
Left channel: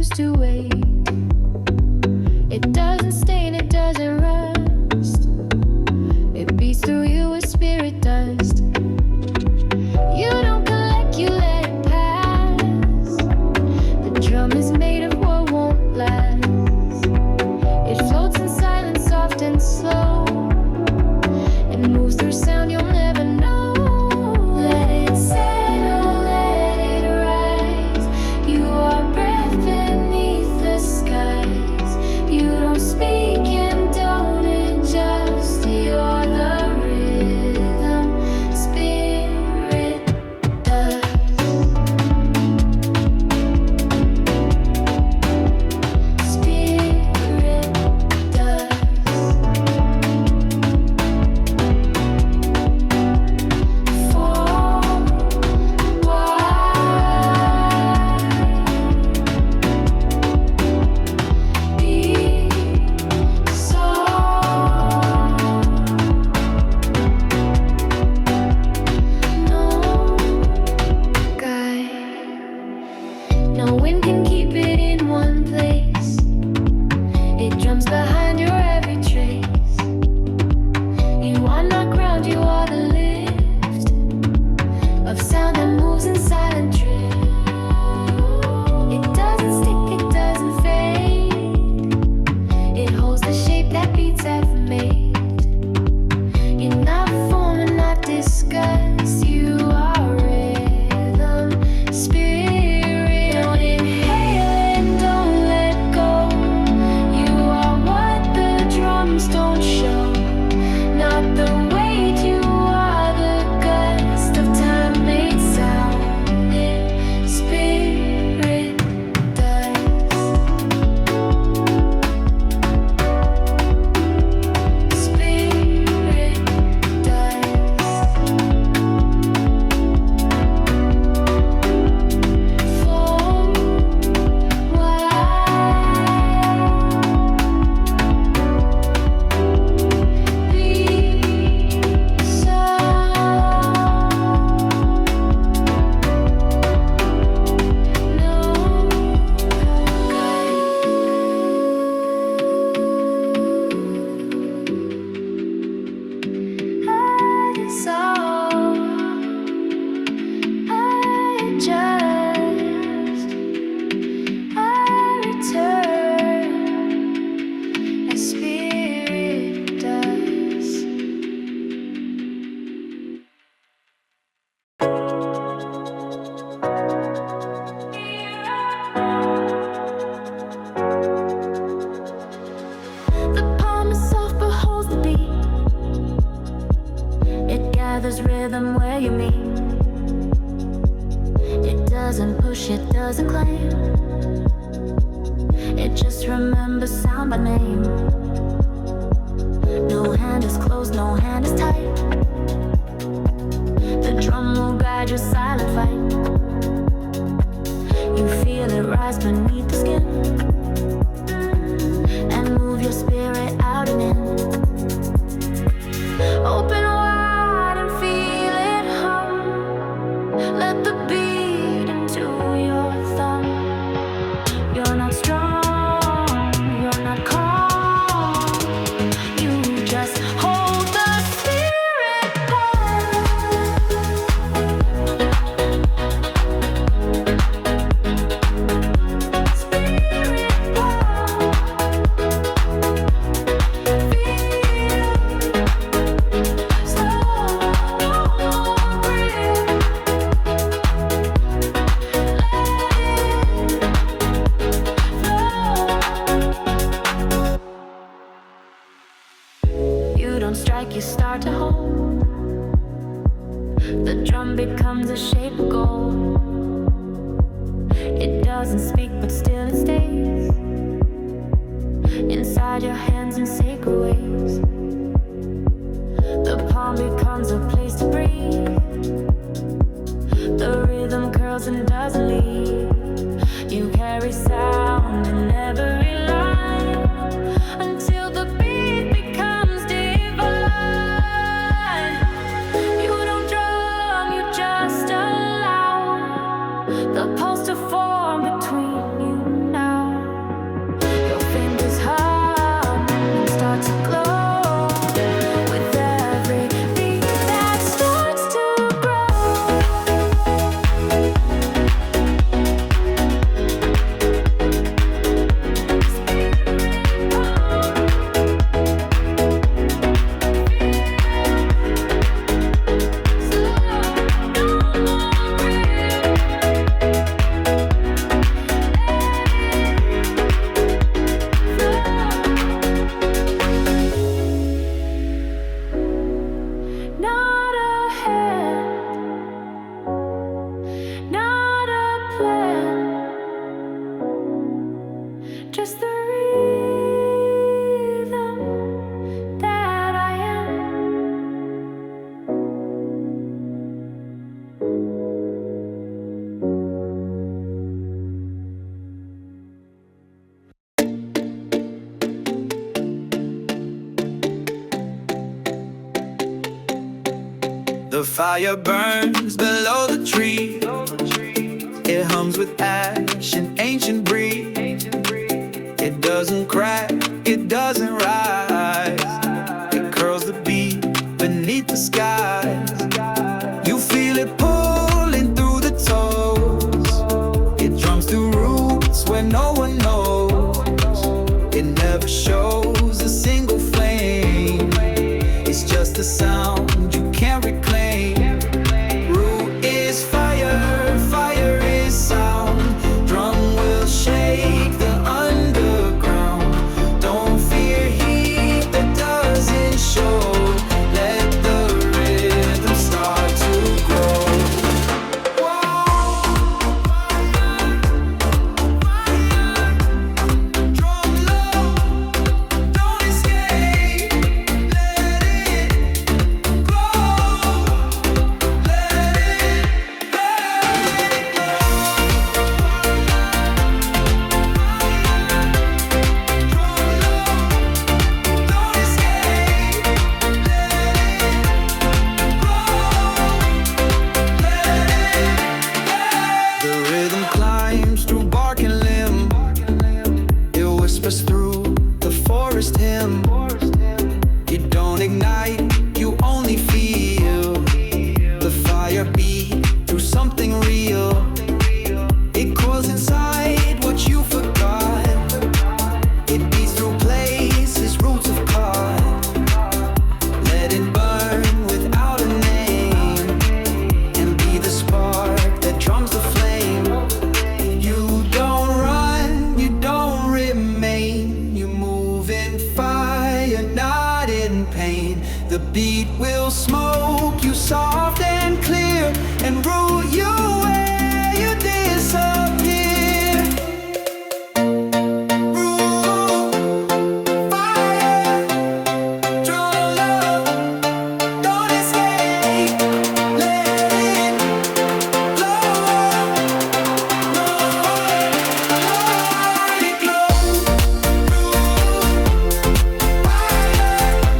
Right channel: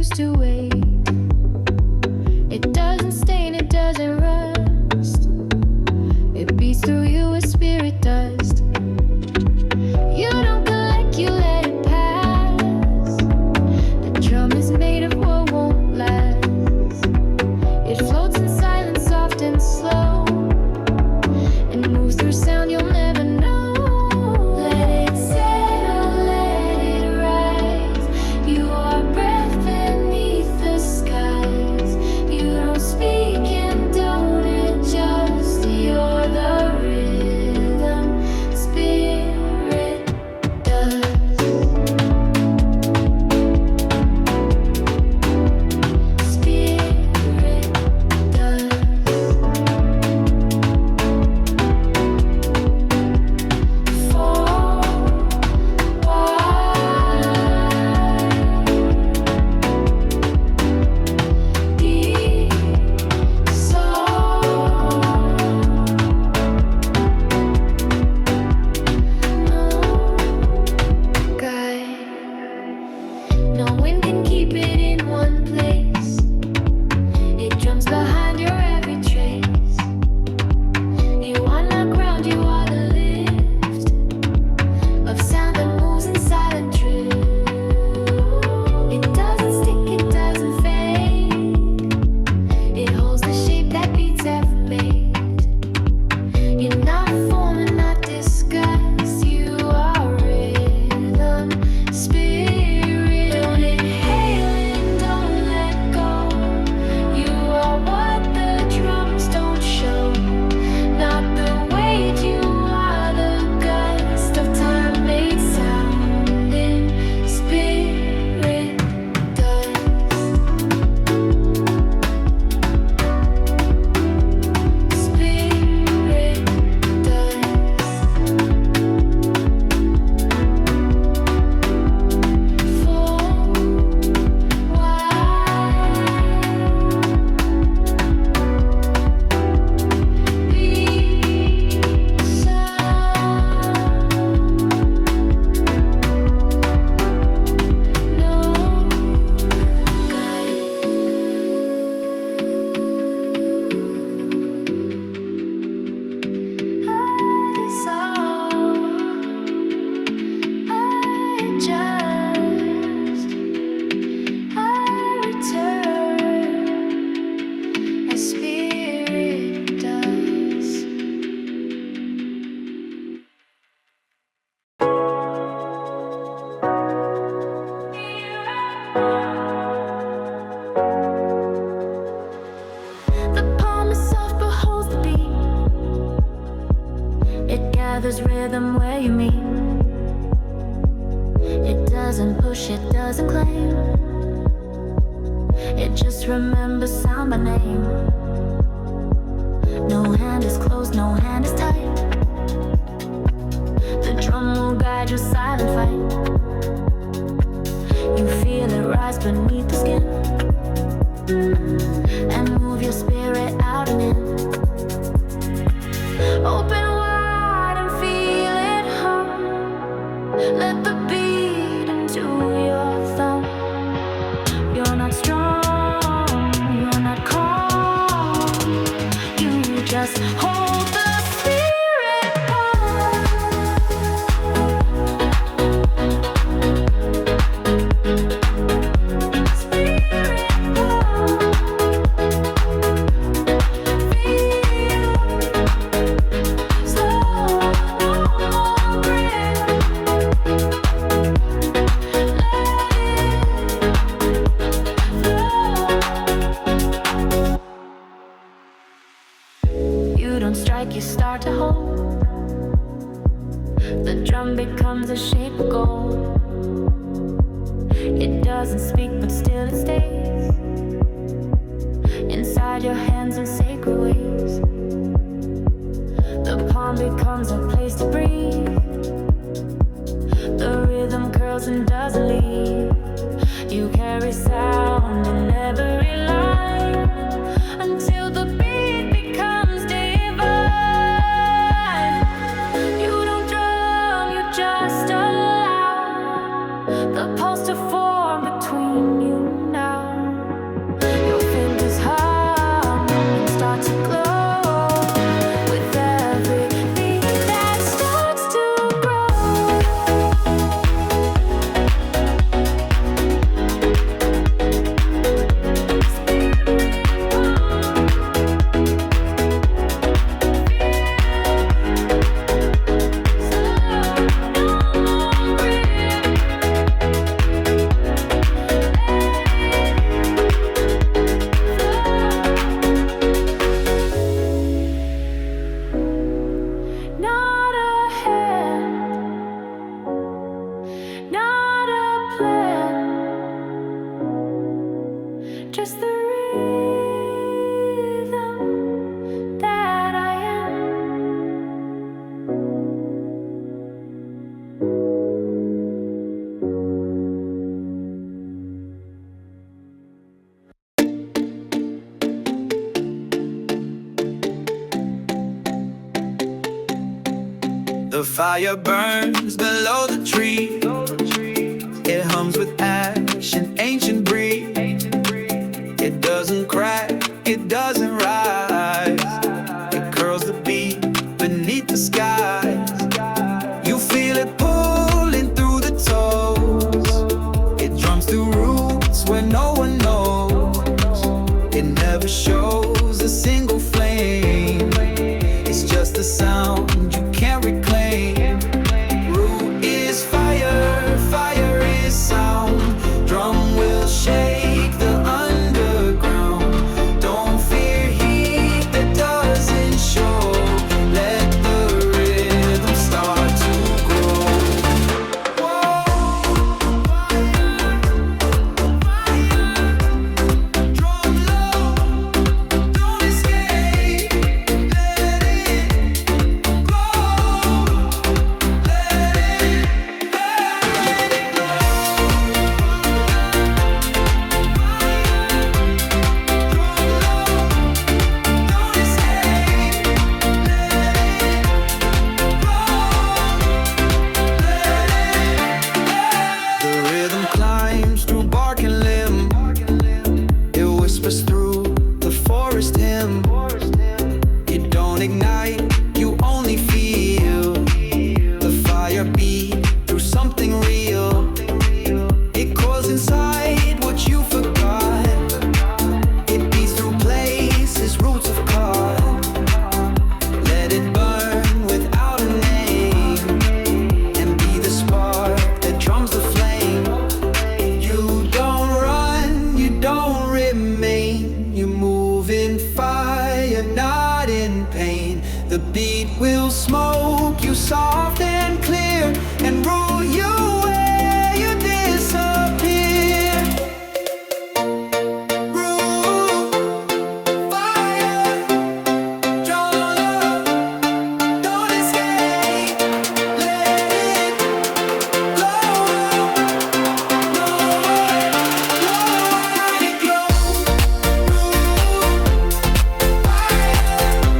used to wait. It doesn't stain, it doesn't rust. It beats through you as spirit dust. You don't collect, you let it pass. The drum is made of what won't last. It floats in silence, soft and slow, and moves through sound you'll never know. Let it settle, let it rise. You are breath beneath the skies. You don't speak and don't adjust. You're the rhythm, spirit does. Spirit does. For why be so? No guide. No wind can keep it in one place. It drums behind your every trace. You are not ground, you are the lift of sound that moves in silent drift. It doesn't stick, it doesn't fade. It holds the shape that beats have made. You're not form and not disgust. You are rhythm, spirit. Don't inhale and don't let go. You are what the drums don't show. Not the weight, you are the gust of time made sound in spirit does. Spirit does. For why be so? No guide. I dissolve, I adjust, I return as spirit does. The palm is soft but holds the beat. It gathers rhythm where you meet. It doesn't push, it doesn't claim. It just remembers sound by name. No hand is closed, no hand is tight. The drum will guide your silent fight. You feel it rise beneath the skin, and move your spirit out and in. Open wide and feel it hum. Let the beat into your thumb. You're not strong, you're not calm. You just hold the spirit palm. Spirit palm. Feel slow, no more grip. You don't strike, you start to hold. The drum becomes a shape of gold. It doesn't speak, but still it stays inside your hands in sacred ways. The palm becomes a place to breathe. The rhythm curls and doesn't leave. You carry sound in every line until the beat becomes divine. You don't drum, you just allow the pulse to form between you now. just the rhythm that I am. The fire burns below the tree. It hums with ash and ancient breeze. It doesn't crack, it doesn't rise. It curls the beat beneath the skies. You feel it pulling through the toes. It drums through roots where no one knows. It never shows a single flame. It's just a sound you can't reclaim. Root is fire, fire is sound. Drum will shake the underground. Don't fear heat that doesn't show. Let the rhythm start to grow. Whoa, fire, fire. Drum low, don't escape. Let it glow. Let it glow. Don't escape. Let it The rhythm climbs through bark and limb. It whispers through the forest hymn. You don't ignite, you only feel the fire beat through something real. It coils inside what you forgot. It beats through places roots have caught. Let it burn without a name, and be the spark that drums the flame. You don't run, you don't remain. You move in fire, not in pain. The beat will smoke you soft and clear, and root you where you disappear. Root, fire, draw love, don't escape. Let it glow up, no more, let it glow. Root, fire,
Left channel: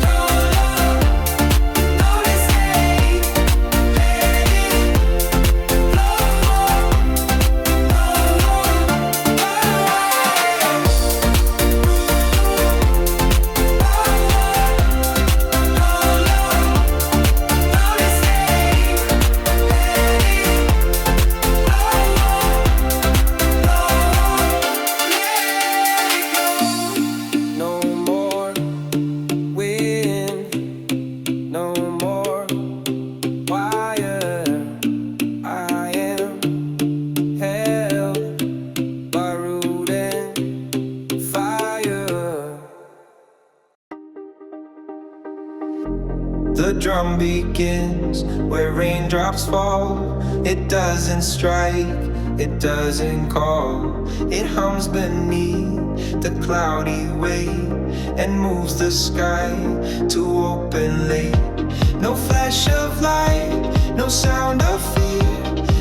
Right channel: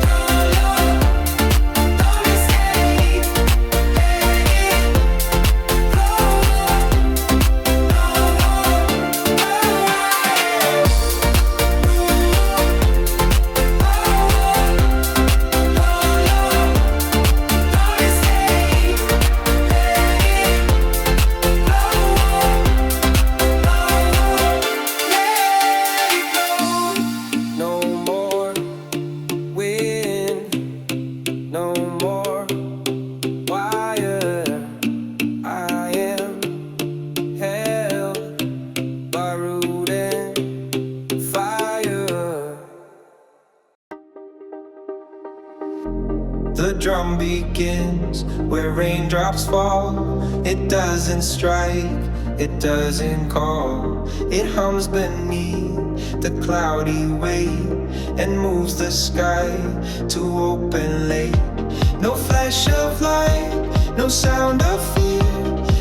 draw love, don't escape. Let it glow up, no No more wind, no more wire. I am held by root and fire. The drum begins where raindrops fall. It doesn't strike, it doesn't call. It hums beneath the cloudy way and moves the sky to open late. No flash of light, no sound of fear,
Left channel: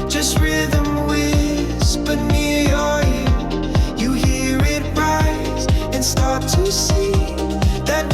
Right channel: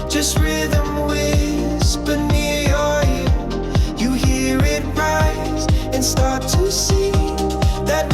just rhythm whisper near your ear. You hear it rise and start to see that